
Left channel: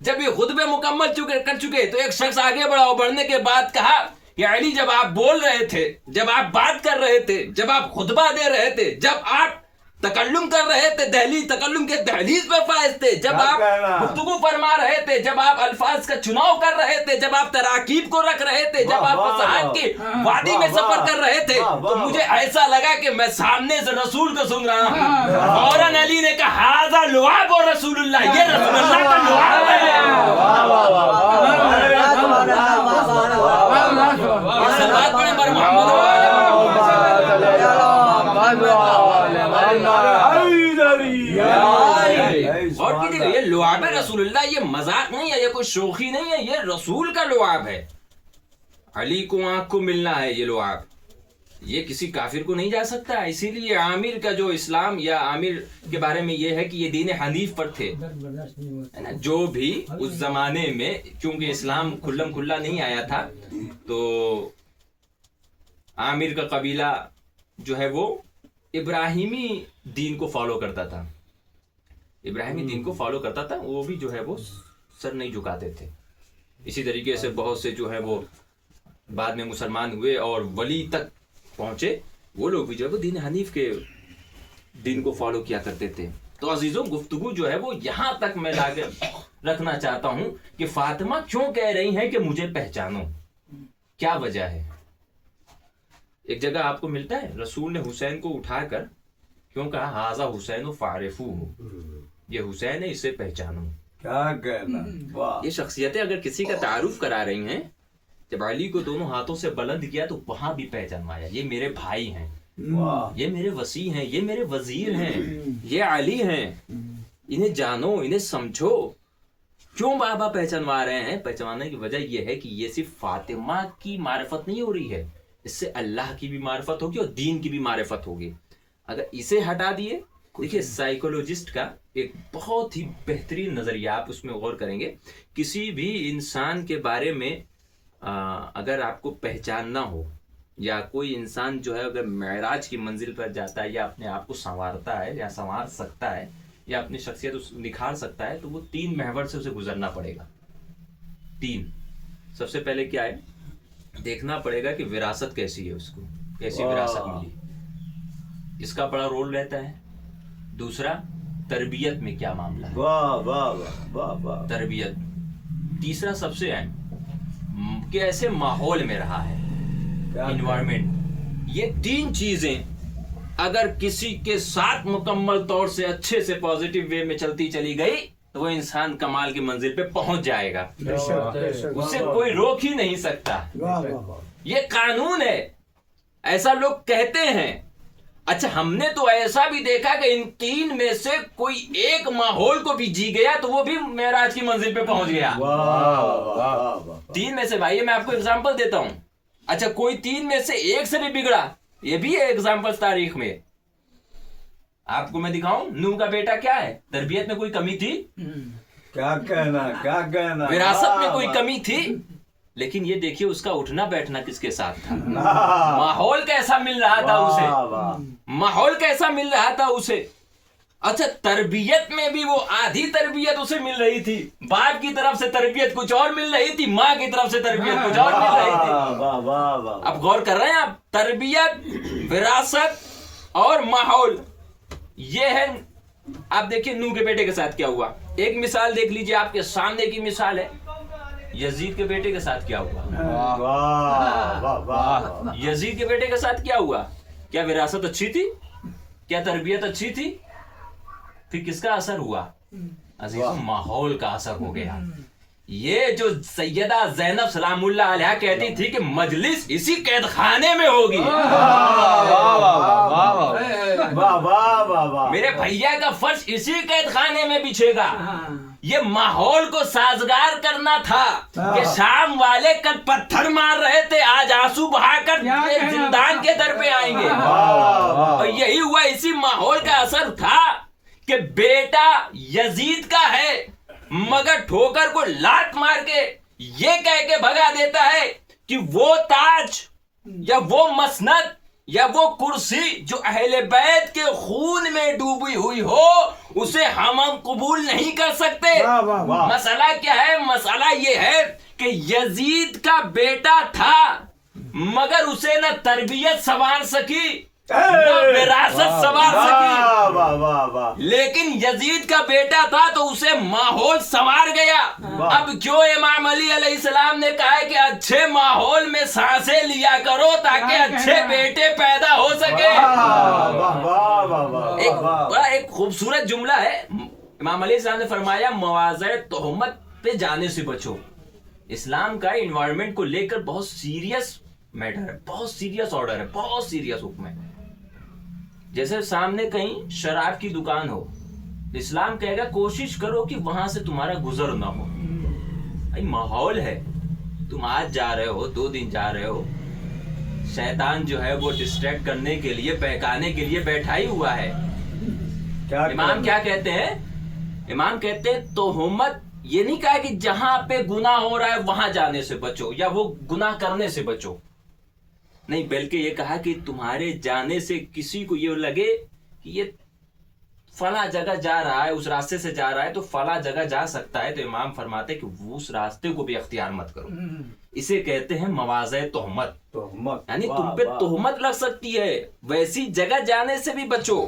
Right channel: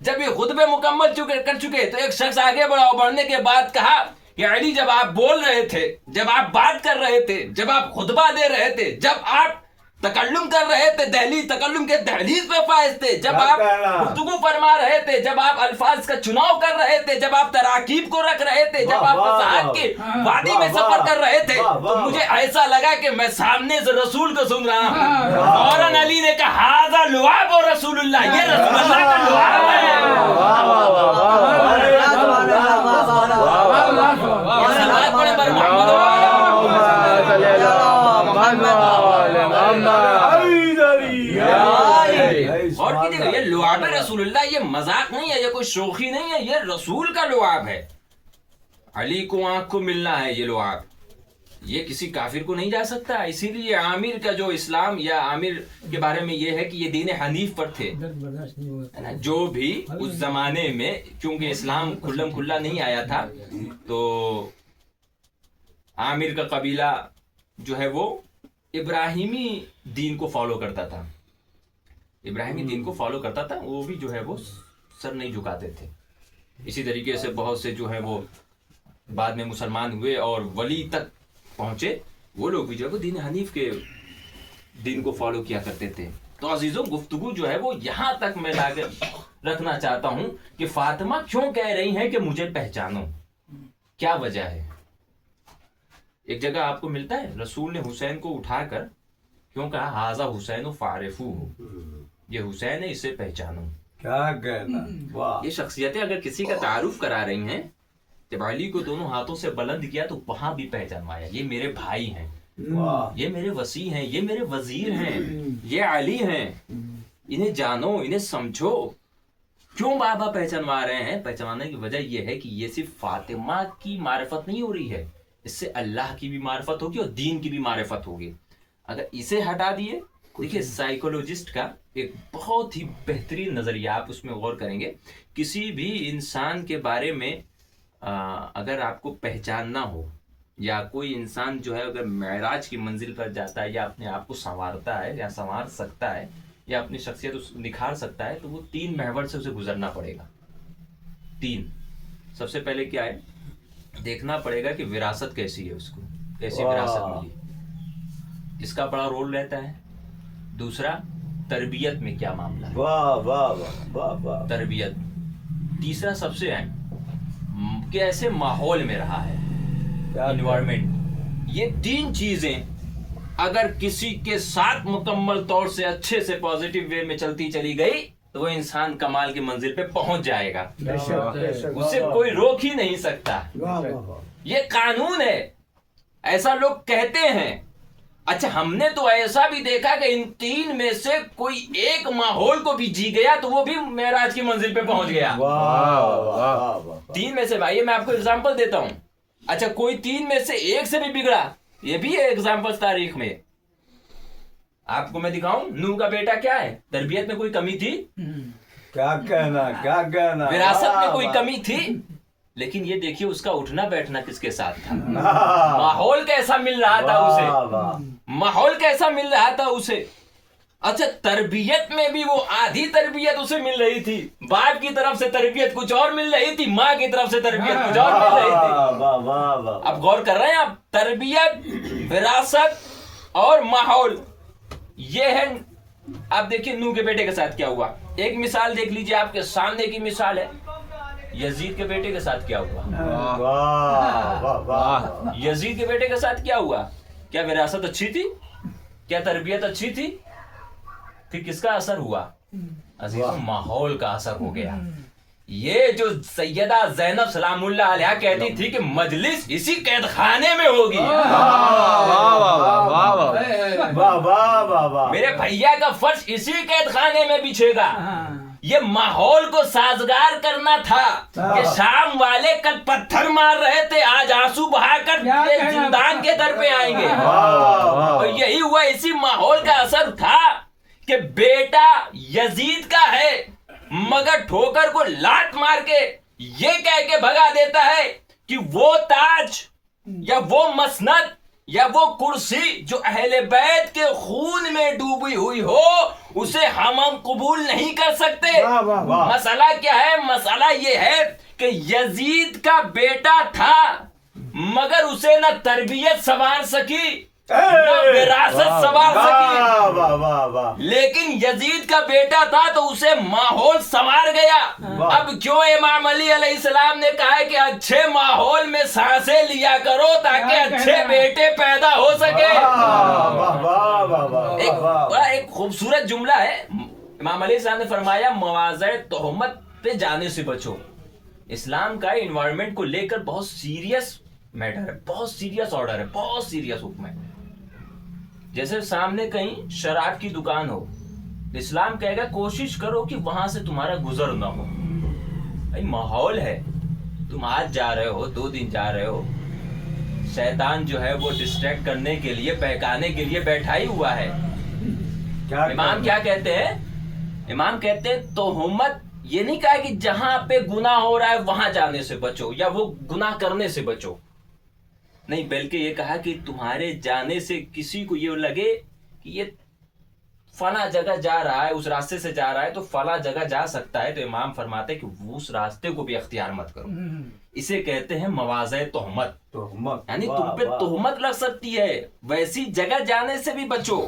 کر چکے تو ایک شخص آگے بڑھا, بڑھنے کے بعد کہا کہ علی جب آپ بول رہے تھے, جب آپ بات کر رہے تھے, جب آپ خطبہ دے رہے تھے, جب آپ تکلم کر رہے تھے, تکلم کے دہلیز پہ فائز تھے, جب آپ گفتگو فرما رہے تھے, جب آپ الفاظ کا چناؤ کر رہے تھے, جب آپ تراکیب کو رکھ رہے تھے, جب آپ فصاحت کی وادی میں سفر کر رہے تھے, تو مجھے ایسا لگا کہ میں سامنے سے رسول کو سن رہا ہوں. فوراً علی نے کہا ھذا لعاب رسول اللہ, یہ رسول اللہ کا لعاب ہے. صلوات پڑھیں بر محمد اور کیجیے. یہ لعاب رسول اللہ, یہ مذاق نہیں ہے, یہ کوئی شوخی نہیں ہے, یہ رسول کا لعاب ہے. علی کو آنکھ کو ملنا ہے یہ لعاب, یہ کسی کافر کو نہیں جا سکتا. اسی لیے عامر کا جو اسلام یا عامر کے بارے میں یہ ہے کہ یہ دین حنیف پر تھے. جو بھی اس زمانے میں, کیونکہ اسلام کھلم کھلا نہیں آیا تھا, تو عامر کا قبیلہ جو ہے وہ ابراہیمی دین کو فالو کرتا تھا. وہ بھی جو ہے وہ سر نہیں جھکاتے تھے. اسی طریقے سے بہت سے جو ہے وہ بعد میں مسلمان ہوئے اور ولی تک پہنچے, وہ لوگ بھی جو ہے وہ دین حنیف کے دین کو فالو کیا کرتے تھے. تو عزیزوں, گفتگو جو ہے وہ یہاں تک میں لا کے رکھنا چاہتا ہوں کہ فاطمہ کیوں کہہ رہی ہیں کہ مجھے پہچانو, کیا وجہ ہے. ایک جگہ آپ کو ملتا ہے رسول نے حسین کو اٹھا کر کیوں کہا ھذا حسین فاعرفوہ, یہ حسین ہے, اسے پہچانو. کیا کہنا, یہ شخصیتیں اگر کسی کا تعارف کرا رہی ہیں, جب علی کو دونوں ہاتھوں سے بلند کیا تو وہاں بھی پہچانوایا, یہ میرے بھائی ہیں, یہ میرے وسیع ہیں, یہ میرے وزیر ہیں, یہ علی ہیں, انہیں جانو, انہیں سمجھو. کیوں بابا پہچانوا رہے ہیں؟ پہچانوانے کی وجہ یہ ہے کہ یہ صرف فاطمہ کی معرفت نہیں ہو رہی ہے, اس سے اللہ کی بھی معرفت ہوگی اور دین کی بھی معرفت ہوگی. اگر اسے ہٹا دیے, دیکھیے سائیکولوجسٹ کا ایک بہت ہی بہترین نظریہ, آپ اس میں غور کریں گے, کسی بھی انسان کے بارے میں اگر آپ کو پہچاننا ہو, یا کوئی انسان جو ہے اگر معراج کی منزل پر جاتا ہے, یا اپنے آپ کو سنوارتا ہے یا سنوار سکتا ہے, یا اپنی شخصیت نکھار سکتا ہے, تو وہ 3 محور سے اسے گزرنا پڑے گا. 3. سب سے پہلے کیا ہے, دیکھنا پڑے گا کہ وراثت کیسی ہے, اس کو کیسی وراثت ملی, اس کا بڑا رول رہتا ہے. دوسرا, تربیت میں کیا معاملہ ہے, تربیت. تیسرا سب سے اہم, کیسے ماحول میں رہا ہے, انوائرمنٹ. یہ 3 چیزیں اگر کسی کے ساتھ مکمل طور سے اچھے سے پازیٹیو وے میں چلتی چلی گئی تو وہ انسان کمال کی منزل پہ پہنچ جائے گا، بے شک بے شک اسے کوئی روک ہی نہیں سکتا. یہ قانون ہے، ایسا لوگ کہتے ہیں. اچھا ہم نے تو ایسا بھی دیکھا کہ ان تین میں سے کوئی ایک ماحول کو بھی جی گیا تو وہ بھی معراج کی منزل پہ پہنچ گیا. تین میں سے بھائی میں آپ کو اگزامپل دیتا ہوں. اچھا کوئی تین میں سے ایک سے بھی بگڑا، یہ بھی ہے ایگزامپل تاریخ میں. آپ کو میں دکھاؤں نوح کا بیٹا کیا ہے؟ تربیت میں کوئی کمی تھی؟ کیا کہنا وراثت میں کوئی کمی تھی؟ لیکن یہ دیکھیے اس کا اٹھنا بیٹھنا کس کے ساتھ تھا، ماحول کیسا مل رہا تھا اسے، ماحول کیسا مل رہا تھا اسے. اچھا تربیت میں بھی وہ آدھی تربیت اسے مل رہی تھی، باپ کی طرف سے تربیت کچھ اور مل رہی تھی، ماں کی طرف سے تربیت کچھ اور مل رہی تھی. اب غور کر رہے ہیں آپ، تربیت، وراثت اور ماحول، یہ ہے. آپ دیکھیے نوح کے بیٹے کے ساتھ کیا ہوا. ایک مثال دیکھ لیجیے، آپ کے سامنے کی مثال ہے. یزید کے بیٹے کے ساتھ کیا ہوا؟ یزید کے بیٹے کے ساتھ کیا ہوا؟ کیا وراثت اچھی تھی؟ کیا تربیت اچھی تھی؟ پھر کس کا اثر ہوا عزیزوں؟ ماحول کا اثر ہو گیا. یہ جو سیدہ زینب سلام اللہ علیہ کہتی تھی کہ مجلس اسی قید خانے میں ہوگی، میرے بھیا کا فرش اسی قید خانے میں بچھے گا. یہ ماحول کو سازگار کرنا تھا کہ شام والے کل پتھر مار رہے تھے، آج آنسو بہا کر زندان کے در پہ آئیں گے. اور یہی ہوا، اسی ماحول کا اثر تھا کہ بیٹا یزید کا ہے مگر ٹھوکر کو لات مار کے یہ کہہ کے بھگا دیتا ہے کہ وہ تاج یا وہ مسند یا وہ کرسی جو اہل بیت کے خون میں ڈوبی ہوئی ہو اسے ہم قبول نہیں کر سکتے. مسئلہ کیا ہے؟ مسئلہ یہ ہے کہ یزید کا بیٹا تھا مگر اسے نہ تربیت سنوار سکی نہ وراثت سنوار سکی، لیکن یزید کا بیٹا تھا تو اسے ماحول سنوار گیا. اب کیوں امام علی علیہ السلام نے کہا ہے کہ اچھے ماحول میں سانسیں لیا کرو تاکہ اچھے بیٹے پیدا ہو سکے. ایک خوبصورت جملہ ہے، امام علیہ السلام نے فرمایا مواضع تہمت پہ جانے سے بچو. اسلام کا انوائرمنٹ کو لے کر بہت سیریس میٹر ہے، بہت سیریس آرڈر ہے، بہت سیریس حکم ہے. جیسے سامنے کہیں شراب کی دکان ہو، اسلام کہے گا کوشش کرو کہ وہاں سے تمہارا گزر نہ ہو. بھائی ماحول ہے، تم آج جا رہے ہو، 2 دن جا رہے ہو، شیطان جو ہے وہ ڈسٹریکٹ کرنے کے لیے، بہکانے کے لیے بیٹھا ہی ہوا ہے. امام کیا کہتے ہیں؟ امام کہتے ہیں تہمت یہ نہیں کہا کہ جہاں پہ گناہ ہو رہا ہے وہاں جانے سے بچو یا وہ گناہ کرنے سے بچو، نہیں، بلکہ یہ کہا کہ تمہارے جانے سے کسی کو یہ لگے کہ یہ فلاں جگہ جا رہا ہے، اس راستے سے جا رہا ہے تو فلاں جگہ جا سکتا ہے، تو امام فرماتے ہیں کہ اس راستے کو بھی اختیار مت کرو. اسے کہتے ہیں مواضع تہمت، یعنی تم پہ تہمت لگ سکتی ہے، ویسی جگہ جانے سے بھی بچو،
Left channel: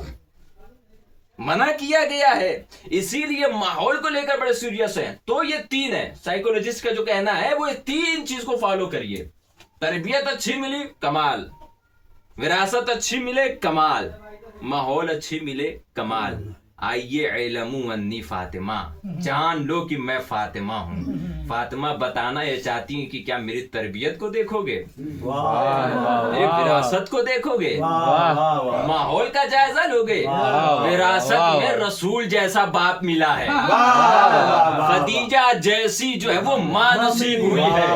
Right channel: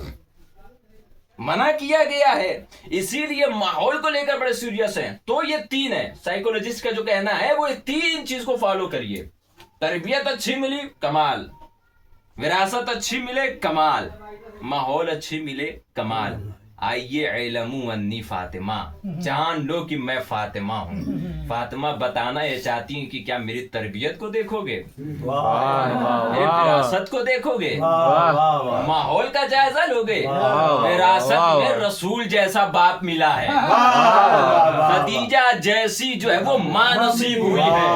منع کیا گیا ہے. اسی لیے ماحول کو لے کر بڑے سیریس ہیں. تو یہ 3 ہے، سائیکولوجسٹ کا جو کہنا ہے وہ یہ 3 چیز کو فالو کریے. تربیت اچھی ملی کمال، وراثت اچھی ملے کمال، ماحول اچھی ملے کمال. آئیے علمو انی فاطمہ، جان لو کہ میں فاطمہ ہوں. فاطمہ بتانا یہ چاہتی ہیں کہ کیا میری تربیت کو دیکھو گے، میری وراثت کو دیکھو گے، ماحول کا جائزہ لو گے. وراثت میں رسول جیسا باپ ملا ہے، خدیجہ جیسی جو ہے وہ ماں نصیب ہوئی ہے.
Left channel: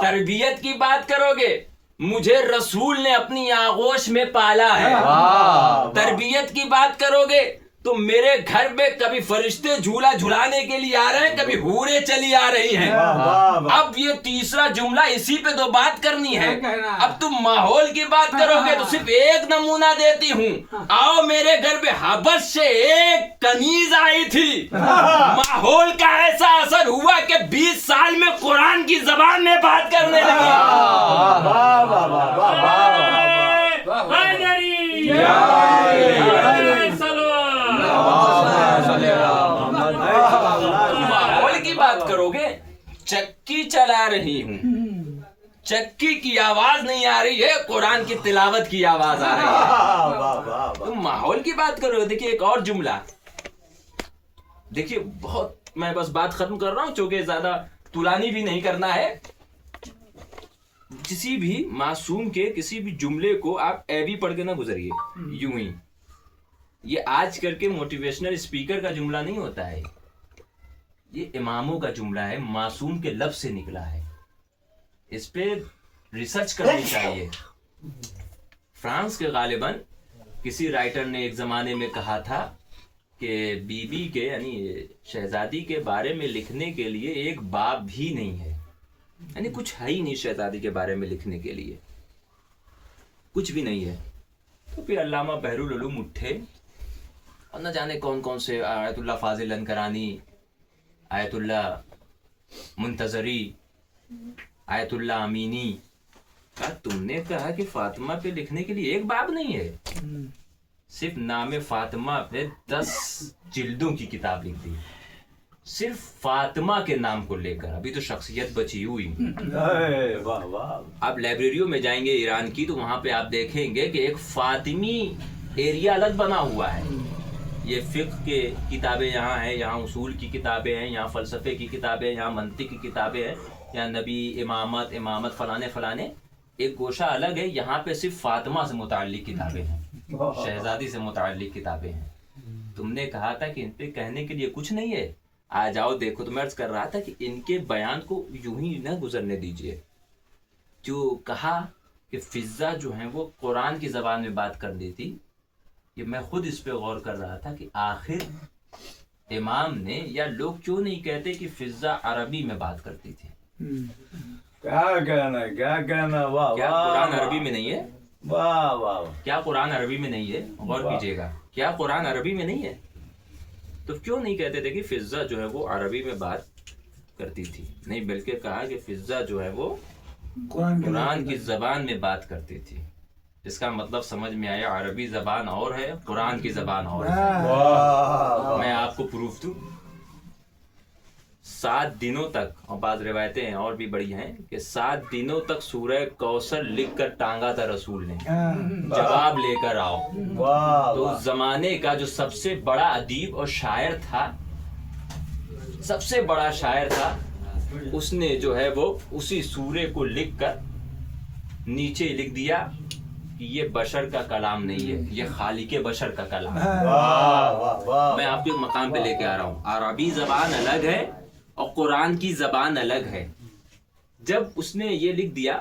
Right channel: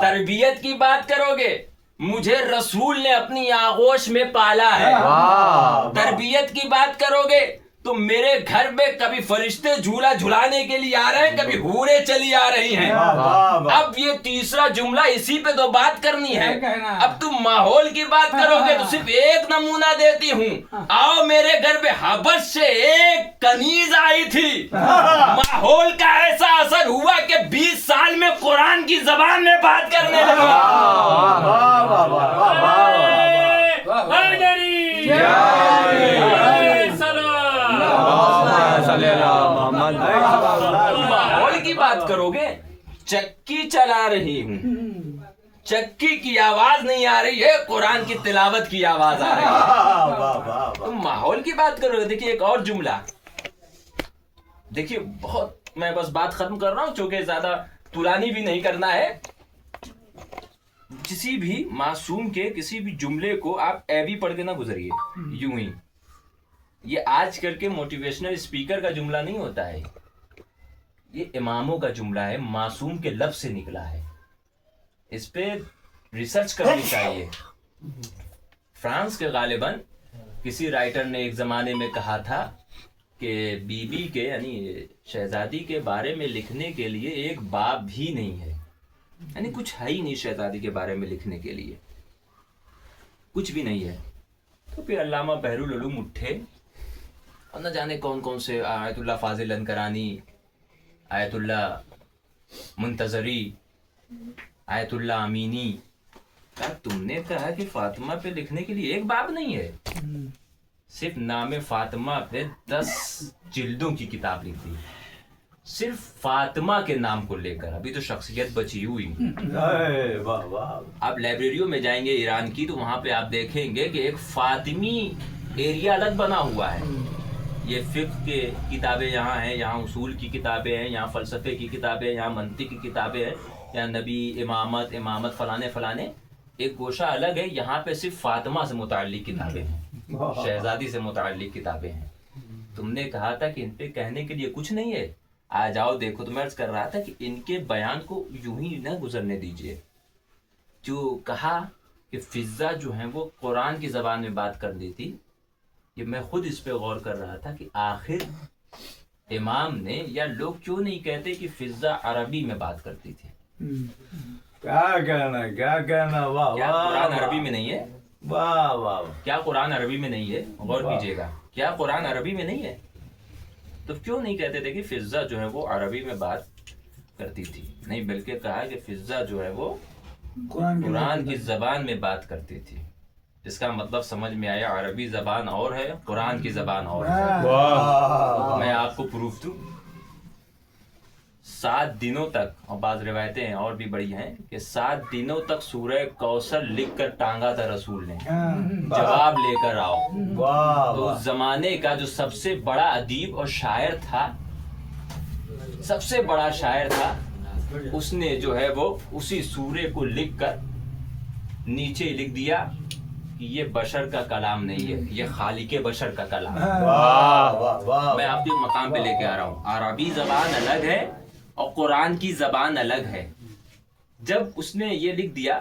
تربیت کی بات کرو گے، مجھے رسول نے اپنی آغوش میں پالا ہے. تربیت کی بات کرو گے تو میرے گھر میں کبھی فرشتے جھولا جھلانے کے لیے آ رہے ہیں، کبھی حوریں چلی آ رہی ہیں. اب یہ تیسرا جملہ اسی پہ تو بات کرنی ہے. اب تم ماحول کی بات کرو گے تو صرف ایک نمونہ دیتی ہوں. آؤ میرے گھر میں حبش سے ایک کنیز آئی تھی، ماحول کا ایسا اثر ہوا کہ 20 سال میں قرآن کی زبان میں بات کرنے لگی. ماحول کی بات کرو گے، چکی چلا رہی ہوں، چکی کی آواز نہیں آ رہی ہے، قرآن کی تلاوت کی آواز آ رہی ہے. تم ماحول کی بات کرو گے. دیکھیے ایک اور جملہ، دیکھیے بہت میں بس بات ختم کر رہا ہوں چونکہ زیادہ طولانی بھی نہیں کرنا ہے. کسی بھی معصوم کے کسی بھی جملے کو آپ ایبی پڑھ کے نہ گزریے یوں ہی. یہ آج کل کے موٹیویشنل اسپیکر کا جملہ نہیں ہوتا ہے, یہ اماموں کا جملہ ہے, معصوم کے لفظ سے نکلا ہے. اس پہ ریسرچ کرنی چاہیے. فرانس کے غالباً کسی رائٹر نے ایک زمانے میں کہا تھا کہ بی بی کے یعنی شہزادی کے بارے میں لکھنے کے لیے ایک باب بھی نہیں ہے, یعنی کچھ ہے ہی نہیں شہزادی کے بارے میں لکھنے کے لیے, کچھ بھی نہیں ہے. تو پھر علامہ بحرالعلوم اٹھے اور نہ جانے کون کون سے آیت اللہ فاضل انکرانی, آیت اللہ منتظری, آیت اللہ امینی, تم نے کہا کہ فاطمہ پہ لکھنے کے لیے ایک باب نہیں ہے, صرف نام فاطمہ پہ 10 جلدوں کی کتاب لکھ دی, صرف فاطمہ کے نام کو لے کر. ابھی تو شخصیت بچی ہوئی. واہ واہ. آپ لائبریریوں میں جائیں گے ایران کی تو وہاں پہ آپ دیکھیں گے کہ ایک فاطمی ایریا الگ بنا ہوا ہے. یہ فقہ کے کتابیں یہاں ہیں, یہاں اصول کی کتابیں ہیں, یہاں فلسفے کی کتابیں, یہاں منطق کی کتابیں ہیں, یہاں نبی امامت فلانے. ایک گوشہ الگ ہے, یہاں پہ صرف فاطمہ سے متعلق کتابیں ہیں, شہزادی سے متعلق کتابیں ہیں. تم نے کہا تھا کہ ان پہ کہنے کے لیے کچھ نہیں ہے, آ جاؤ دیکھو. تو میں عرض کر رہا تھا کہ ان کے بیان کو یوں ہی نہ گزرنے دیجیے. جو کہا کہ فضہ جو ہیں وہ قرآن کی زبان میں بات کر دی تھی, کہ میں خود اس پہ غور کر رہا تھا کہ آخر امام نے یا لوگ کیوں نہیں کہتے کہ فضہ عربی میں بات کرتی تھی. کیا کہنا. واہ کیا قرآن عربی میں نہیں ہے؟ واہ واہ. کیا قرآن عربی میں نہیں ہے؟ غور کیجیے گا, کیا قرآن عربی میں نہیں ہے؟ تو کیوں نہیں کہتے تھے کہ فضہ جو ہے وہ عربی میں بات کرتی تھی؟ نہیں, بلکہ کہا کہ فضہ جو ہے وہ قرآن کی زبان میں بات کرتی تھی. اس کا مطلب سمجھ میں آیا, عربی زبان اور ہے, قرآن کی زبان اور ہے. میں آپ کو پروف دوں, 7 دنوں تک, اور بعض روایتیں اور بھی بڑی ہیں کہ 7 دنوں تک سورہ کوثر لکھ کر ٹانگا تھا رسول نے, جواب لے کر آؤ. تو اس زمانے کا جو سب سے بڑا ادیب اور شاعر تھا, سب سے بڑا شاعر تھا, اس نے جو ہے وہ اسی سورے کو لکھ کر نیچے لکھ دیا کہ یہ بشر کا کلام نہیں ہے, یہ خالق بشر کا کلام ہے. میں آپ کے مقام پہ لے کے آ رہا ہوں. عربی زبان الگ ہے اور قرآن کی زبان الگ ہے. جب اس نے یہ لکھ دیا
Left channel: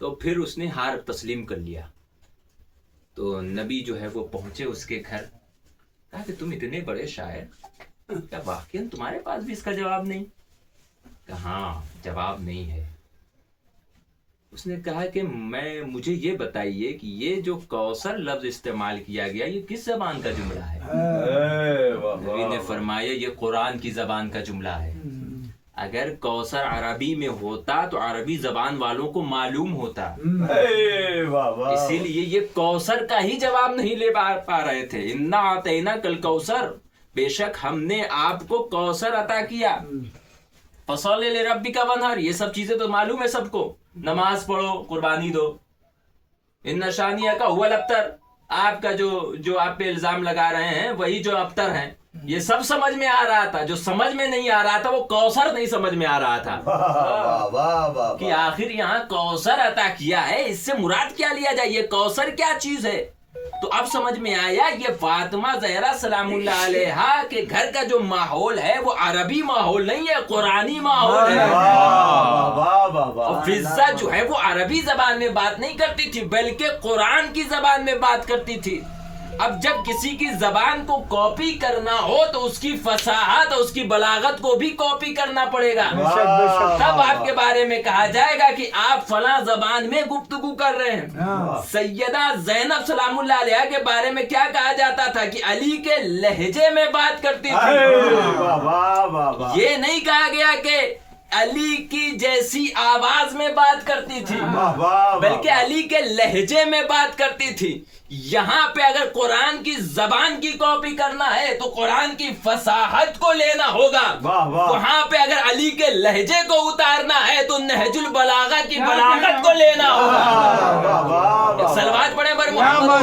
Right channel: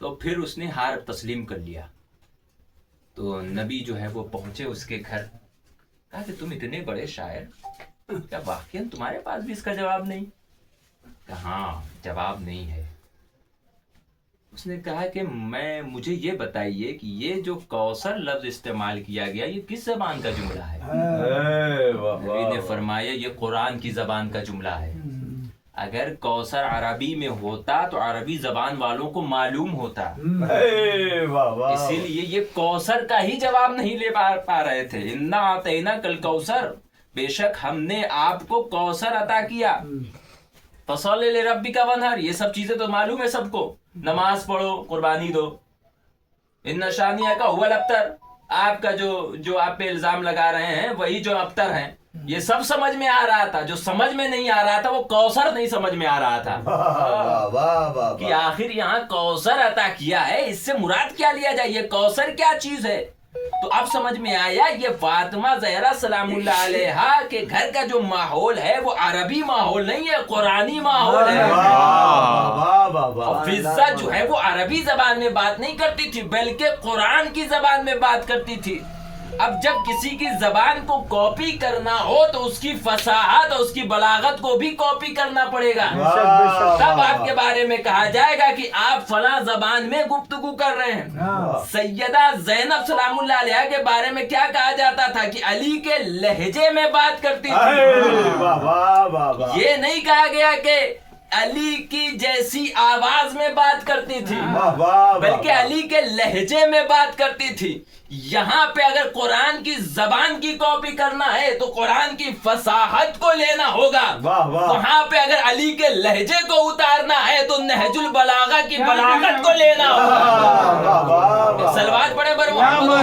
تو پھر اس نے ہار تسلیم کر لیا. تو نبی جو ہے وہ پہنچے اس کے گھر, کہا کہ تم اتنے بڑے شاعر, کیا واقعاً تمہارے پاس بھی اس کا جواب نہیں؟ کہا ہاں, جواب نہیں ہے. اس نے کہا کہ مجھے یہ بتائیے کہ یہ جو کوثر لفظ استعمال کیا گیا یہ کس زبان کا جملہ ہے؟ نبی نے فرمایا یہ قرآن کی زبان کا جملہ ہے. اگر کوثر عربی میں ہوتا تو عربی زبان والوں کو معلوم ہوتا, اسی لیے یہ کوثر کا ہی جواب نہیں لے پا رہے تھے. انا اعطیناک الکوثر, بے شک ہم نے آپ کو کوثر عطا کیا. فصلی لربک وانحر, یہ سب چیزیں تو معلوم ہے سب کو, نماز پڑھو, قربانی دو. ان شانیہ کا هو الابتر, آپ کا جو آپ پہ الزام لگا رہے ہیں وہی جو ابتر ہیں, یہ سب سمجھ میں آ رہا تھا. جو سمجھ میں نہیں آ رہا تھا وہ کوثر نہیں سمجھ میں آ رہا تھا کہ آخر یہاں کوثر عطا کیا ہے, اس سے مراد کیا لیا جائے, یہ کوثر کیا چیز ہے. تو اب سمجھ میں آیا یہ فاطمہ زہرا سلام اللہ علیہا کے گھر کا جو ماحول ہے وہ عربی ماحول نہیں ہے, قرآنی ماحول ہے. اور فضہ جو ہے وہ عربی زبان میں بات نہیں کرتی تھی بلکہ قرآن کی زبان میں بات کرتی تھی. اب جب کسی کی زبان کو کاپی کرنا ہو تو اس کی فصاحت اور اس کی بلاغت کو بھی کاپی کرنا پڑے گا. تب آپ کے بارے میں کہا جائے گا کہ آپ فلاں زبان میں گفتگو کر رہے ہیں. سیدہ زینب سلام اللہ علیہا کے بارے میں کیا کہا جاتا تھا کہ علی کے لہجے میں بات کرتی تھی. یہ نہیں کہا گیا کہ علی کی جیسی آواز میں بات کرتی تھی بلکہ علی کے لہجے میں بات کرتی تھی. یہاں پہ اگر قرآن کی زبان کی کاپی کرنا ہے تو قرآن کی فصاحت کو لینا ہوگا. وہاں پہ اگر علی کے لہجے کو اتارنا ہے تو نہج البلاغہ کی بلاغت کو لینا ہوگا. صلوات پڑھیں بر محمد.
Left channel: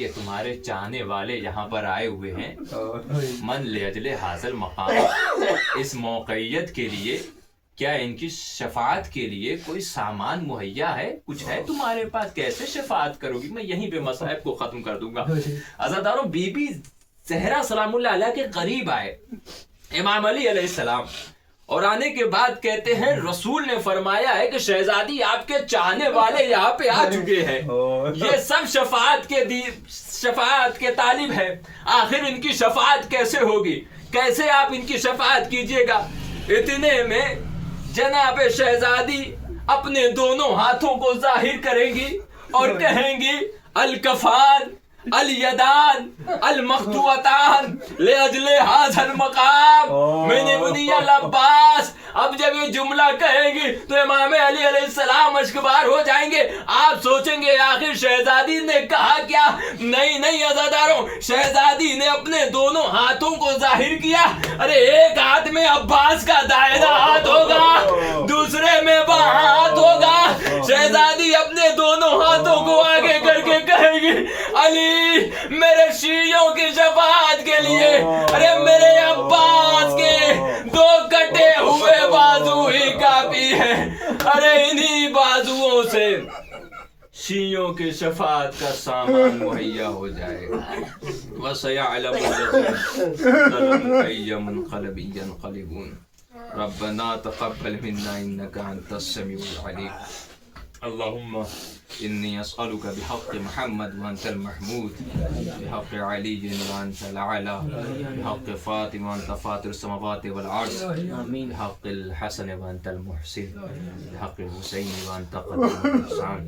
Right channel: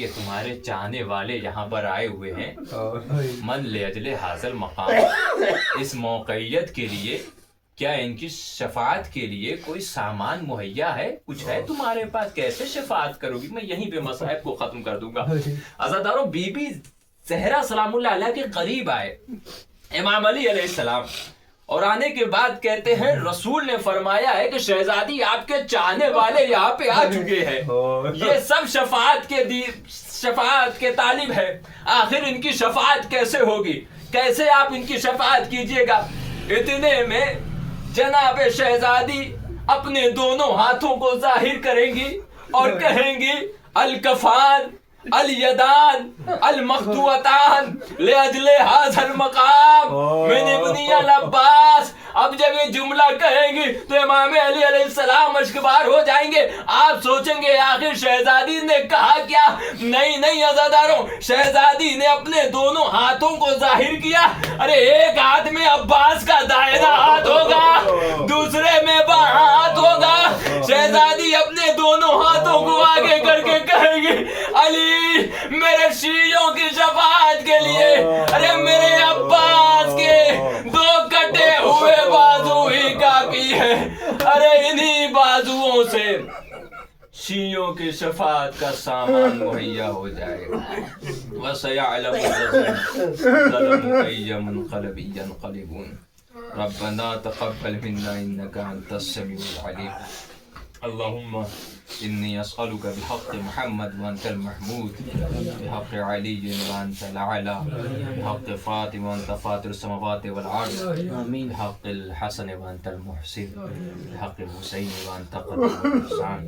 کہ تمہارے چاہنے والے یہاں پر آئے ہوئے ہیں من لأجل حاصل مقام، اس موقعیت کے لیے کیا ان کی شفاعت کے لیے کوئی سامان مہیا ہے؟ کچھ ہے تمہارے پاس؟ کیسے شفاعت کرو گی؟ میں یہیں پہ مصائب کو ختم کر دوں گا۔ عزاداروں، بی بی زہرا سلام اللہ علیہ کے قریب آئے امام علی علیہ السلام، اور آنے کے بعد کہتے ہیں رسول نے فرمایا ہے کہ شہزادی آپ کے چاہنے والے یہاں پہ آ چکے ہیں، یہ سب شفاعت کے طالب ہے، آخر ان کی شفاعت کیسے ہوگی؟ کیسے آپ ان کی شفاعت کیجئے گا؟ اتنے میں جناب شہزادی اپنے دونوں ہاتھوں کو ظاہر کریں گی اور کہیں گی الکفان الیدان المقطوعتان لاجل هذا المقام من ابن العباس۔ اب جب یہ جملہ کہیں گی تو امام علی علیہ السلام اشکبار ہو جائیں گے۔ آپ سوچیں گے آخر شہزادی نے کہا کیا؟ نہیں عزاداروں، شہزادی نے اپنے دونوں ہاتھوں کو ظاہر کیا۔ ارے ایک ہاتھ میں عباس کا دائرہ ہاتھ ہوگا، دوسرے میں بہاں ہاتھ ہوگا۔ شہزادی اپنے دونوں ہاتھوں کو آگے کر کے کہے گی علی میرے شیعوں کی شفاعت کے لیے، ارے میرے عباس کے 2 کٹے ہوئے بازو ہی کافی ہے، ارے انہی بازوؤں سے شیعوں کی شفاعت کا سامان مہیا ہو جائے گا۔ وَسَيَعْلَمُ الَّذِينَ ظَلَمُوا أَيَّ مُنقَلَبٍ يَنقَلِبُونَ رَبَّنَا تَقَبَّلْ مِنَّا إِنَّكَ أَنْتَ السَّمِيعُ الْعَلِيمُ اللهم إني أسألك بحق محمد وأنت المحمود، بحق علي وأنت الأعلى، بحق فاطمة وأنت فاطر السماوات والأرض، بحق الحسن وأنت المحسن، بحق الحسين وأنت قدير الإحسان۔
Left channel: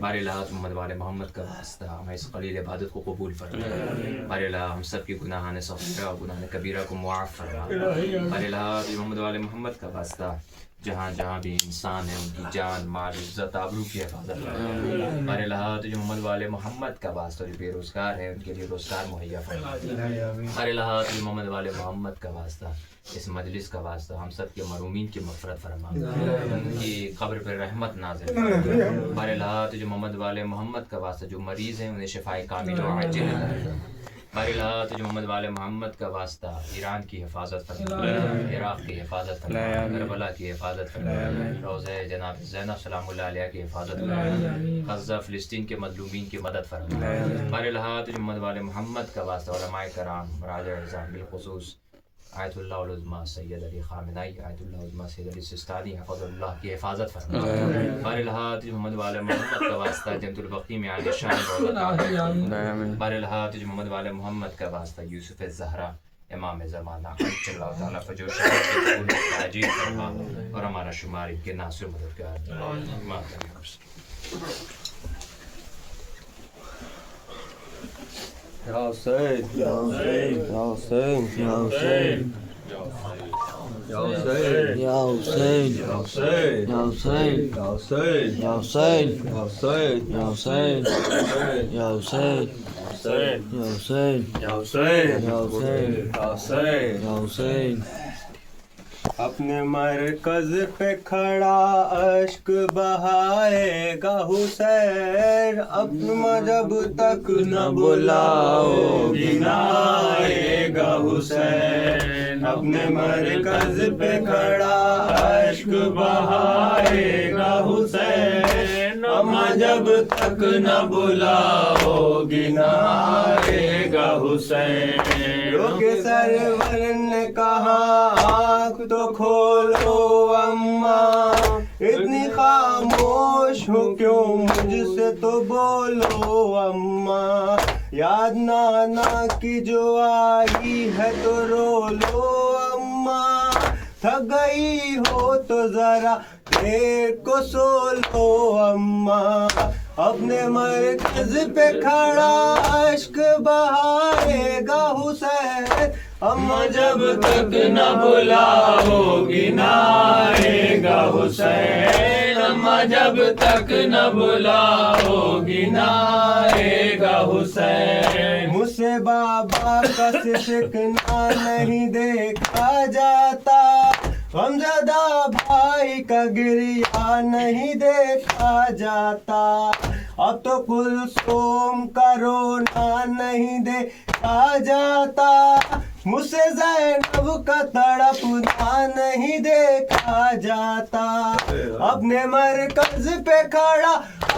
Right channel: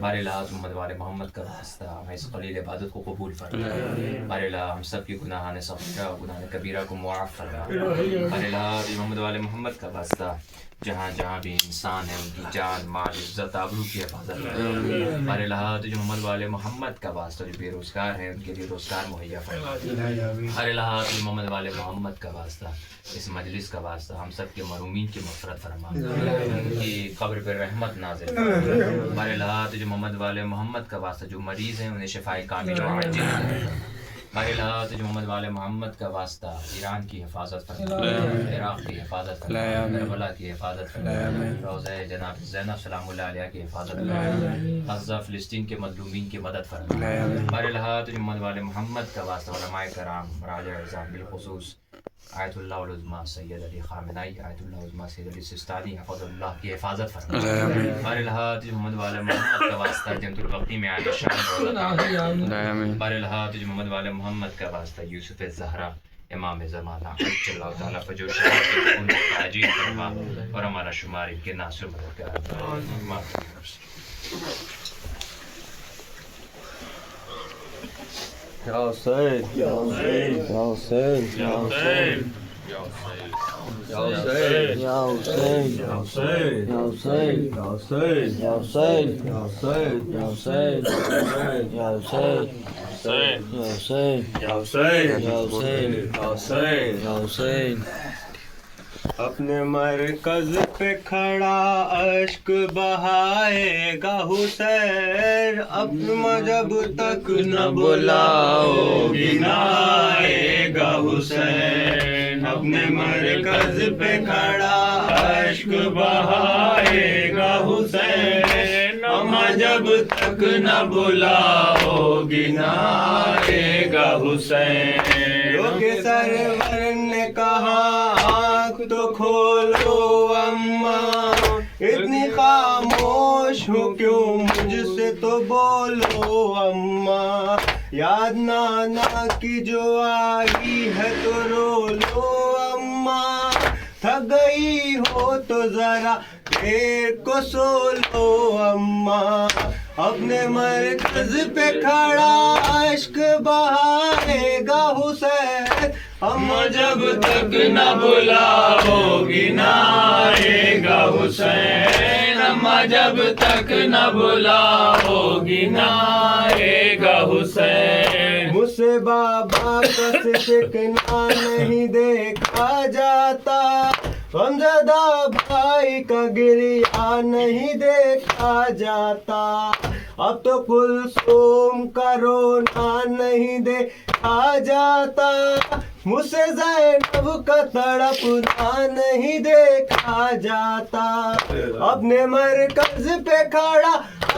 بارے اللہ محمد والے محمد کا واسطہ ہمیں اس قلیل عبادت کو قبول فرما۔ بارے اللہ ہم سب کی گناہان صغیرہ اور گناہان کبیرہ کو معاف فرما۔ بارے اللہ محمد والے محمد کا واسطہ جہاں جہاں بھی انسان ہے ان کی جان مال عزت آبرو کی حفاظت فرما۔ بارے اللہ جو محمد والے محمد کا واسطہ جو بے روزگار ہے ان کے لیے روزگار مہیا فرما۔ بارے اللہ جو محمد والے محمد کا واسطہ اس مجلس کا واسطہ ہم سب کے مرحومین کی مغفرت فرما، ان کی قبر پر رحمت نازل فرما۔ بارے اللہ جو محمد والے محمد کا واسطہ جو مریض ہیں انہیں شفاء کامل و عاجل فرما۔ بارے اللہ جو محمد والے محمد کا واسطہ ایران کی حفاظت فرما، عراق کی حفاظت فرما، کربلا کی حفاظت فرما، روضہ جناب زینب سلام اللہ علیہ کی حفاظت فرما، غزہ فلسطین کے مظلومین کی مدد فرما۔ بارے اللہ جو محمد والے محمد کا واسطہ علماء کرام مراجع اعظام بالخصوص آیت اللہ العظمیٰ سید علی خامنائی، آیت اللہ العظمیٰ سید علی سستانی حفظ اللہ کی حفاظت فرما۔ بارے اللہ جو محمد والے محمد کا واسطہ جنت البقیع میں عالی شان بارے اللہ جو محمد والے محمد کا واسطہ یوسف الزہرا امام زمانہ اللہ تعالیٰ فجر شرف کے قبول عجیب فرما اور ہمارا شمار ان کے ناصر مددگار۔ Ya Hussein, Ya Hussein, Ya Hussein, Ya Hussein, Ya Hussein, Ya Hussein, Ya Hussein, Ya Hussein, Ya Hussein, Ya Hussein, Ya Hussein, Ya Hussein, Ya Hussein, Ya Hussein, Ya Hussein, Ya Hussein, Ya Hussein, Ya Hussein. اپنے مرکز پہ کھڑا اشک بہائے گا حسین، اپنا جب تک نہ بلاؤ گنائے گا حسین، اپنے مرکز پہ کھڑا اشک بہائے گا حسین، اما جب تک نہ بلاؤ گنائے گا حسین۔ لوگ سرور نے کہا آنکھ تو کھولو اماں، اتنی خاموش ہوں کیوں مجھ سے تو بولو اماں، یاد نانا کی جو آئی ہے تو رو لو اماں، تھک گئی ہو تو ذرا دیر کو سو لو اماں، اپنے مرکز پہ کھڑا اشک بہائے گا حسین، اما جب تک نہ بلاؤ گنائے گا حسین، اما جب تک نہ بلاؤ گنائے گا حسین۔ مجھ سے بابا کا سکنا نہیں دیکھا جاتا، غمزدہ بھائی کا گریہ نہیں دیکھا جاتا، اب تو کلثوم کا رونا نہیں دیکھا جاتا، مجھ سے زینب کا تڑپنا نہیں دیکھا جاتا، اپنے مرکز پہ کھڑا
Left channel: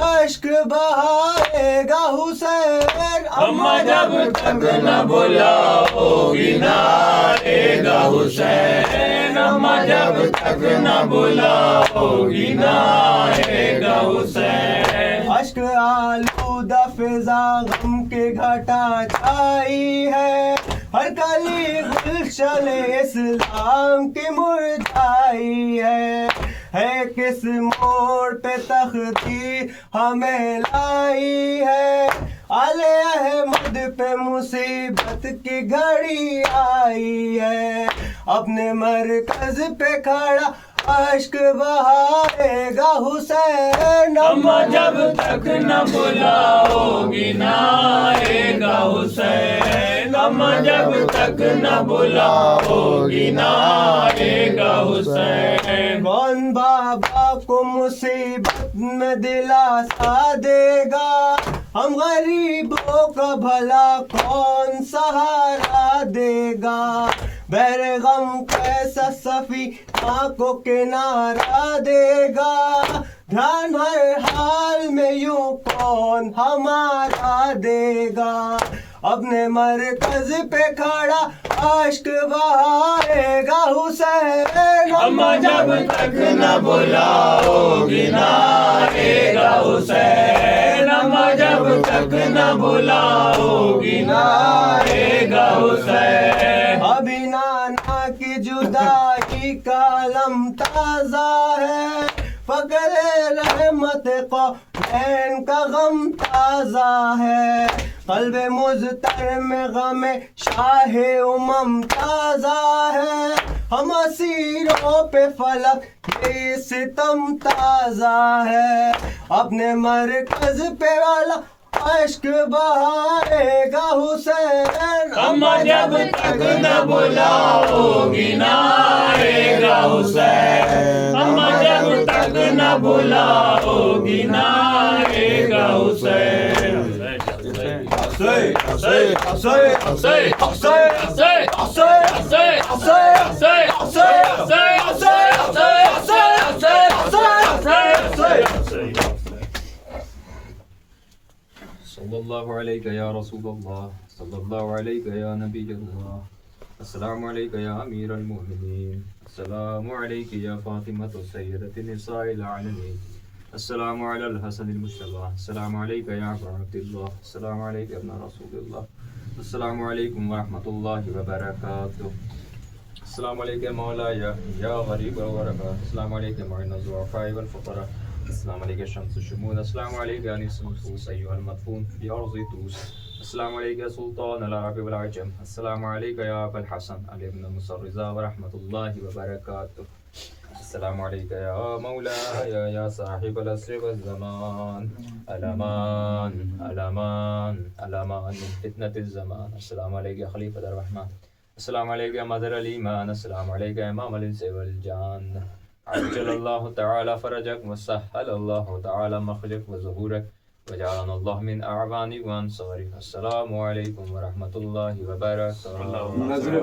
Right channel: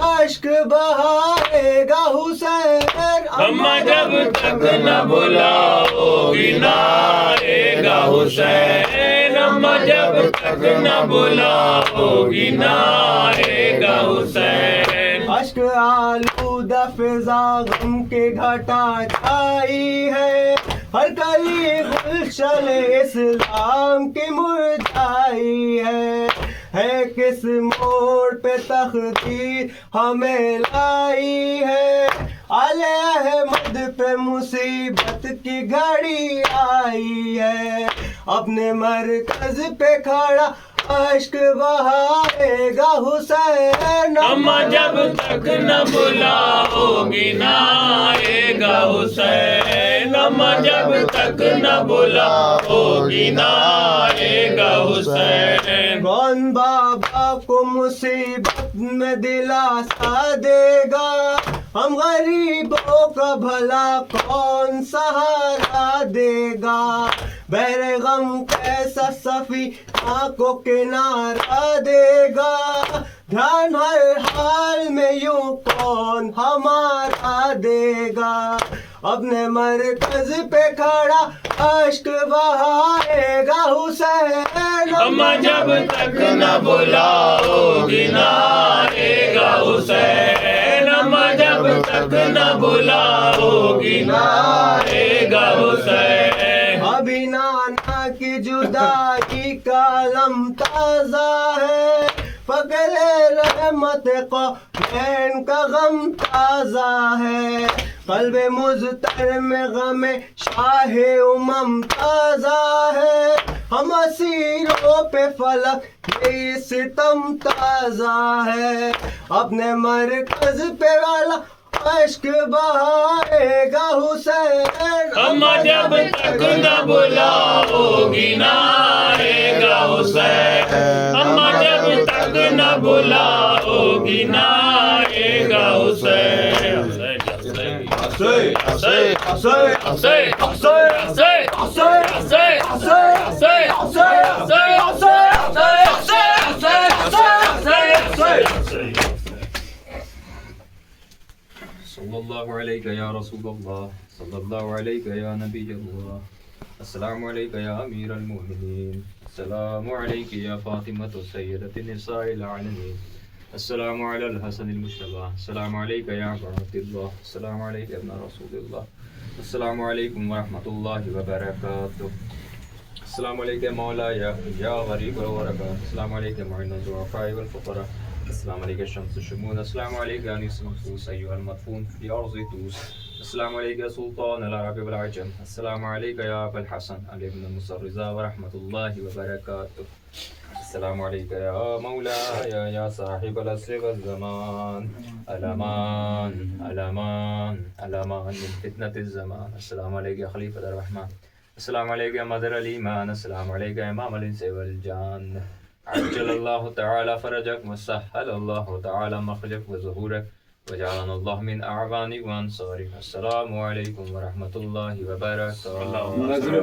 اشک بہائے گا حسین، اماں جب تک نہ بلاؤ گی نہ آئے گا حسین، اماں جب تک نہ بلاؤ گی نہ آئے گا حسین، اشک آلودہ فضا غم کے گھٹا چھائی ہے، ہر کلی گلشن اسلام کی مرجھائی ہے کس موڑ پہ تقدیر ہمیں لائی ہے، آل احمد پہ مصیبت کی گھڑی آئی ہے، اپنے مرکز پہ کھڑا اشک بہائے گا حسین، اماں جب تک نہ بلاؤ گی نہ آئے گا حسین، اماں جب تک نہ بلاؤ گی نہ آئے گا حسین، کون بابا کو مصیبت میں دلاسا دے گا، ہم غریبوں کا بھلا کون سہارا دے گا، بحر غم کیسا سفینہ کو کنارہ دے گا، دھیان ہر حال میں یوں کون ہمارا دے گا، اپنے مرکز پہ کھڑا اشک بہائے گا حسین، اماں جب تک نہ بلاؤ گی نہ آئے گا حسین، اماں جب تک نہ بلاؤ گی نہ آئے گا حسین، ابھی نانا کی جدائی کا علم تازہ ہے، فقر رحمت قومین کا غم تازہ ہے، قلب مضطر میں غم شاہ امم تازہ ہے، ہم اسیروں پہ فلک یہ ستم تازہ ہے، اپنے مرکز پہ والا اشک بہائے گا حسین، اماں جب تک نہ بلاؤ گی نہ آئے گا حسین، اماں جب تک نہ بلاؤ گی نہ آئے گا حسین، صلی اللہ علیہ یا رسول اللہ، صلی اللہ علیہ یا نبی اللہ، السلام علیکہ یا امیر المؤمنین، السلام علیکہ یا فاطمۃ سیدۃ النساء العالمین، السلام علی الحسن المجتبی، السلام علیکہ یا رحمت اللہ، السلام علیکہ ابن رسول اللہ، السلام علیکم ورحمۃ اللہ وبرکاتہ، السلام علیکم مولا یا غریب الغرباء، السلام علیکم معین الضعفاء والفقراء، السلام علیکم شمس الشمول، السلام علیکم انیس النفوس ایها المدفون في ارض طوس، السلام علیکم سلطان العرب والعجم، السلام علیکم یا ابا الحسن علی بن موسی الرضا ورحمۃ اللہ وبرکاتہ، السلام علیکم یا مولایا یا صاحب العصر والزمان، الامان الامان الامان من فتنة الزمان، السلام علیکم خلیفۃ الرحمن، السلام علیکم مدر الایمان، السلام علیکم امام الانس والجان، عجل اللہ تعالی فرجک وسهل اللہ تعالی مخرجک وظہورک وجعلنا اللہ من اعوانک وانصارک، السلام علیکم ورحمۃ اللہ وبرکاتہ۔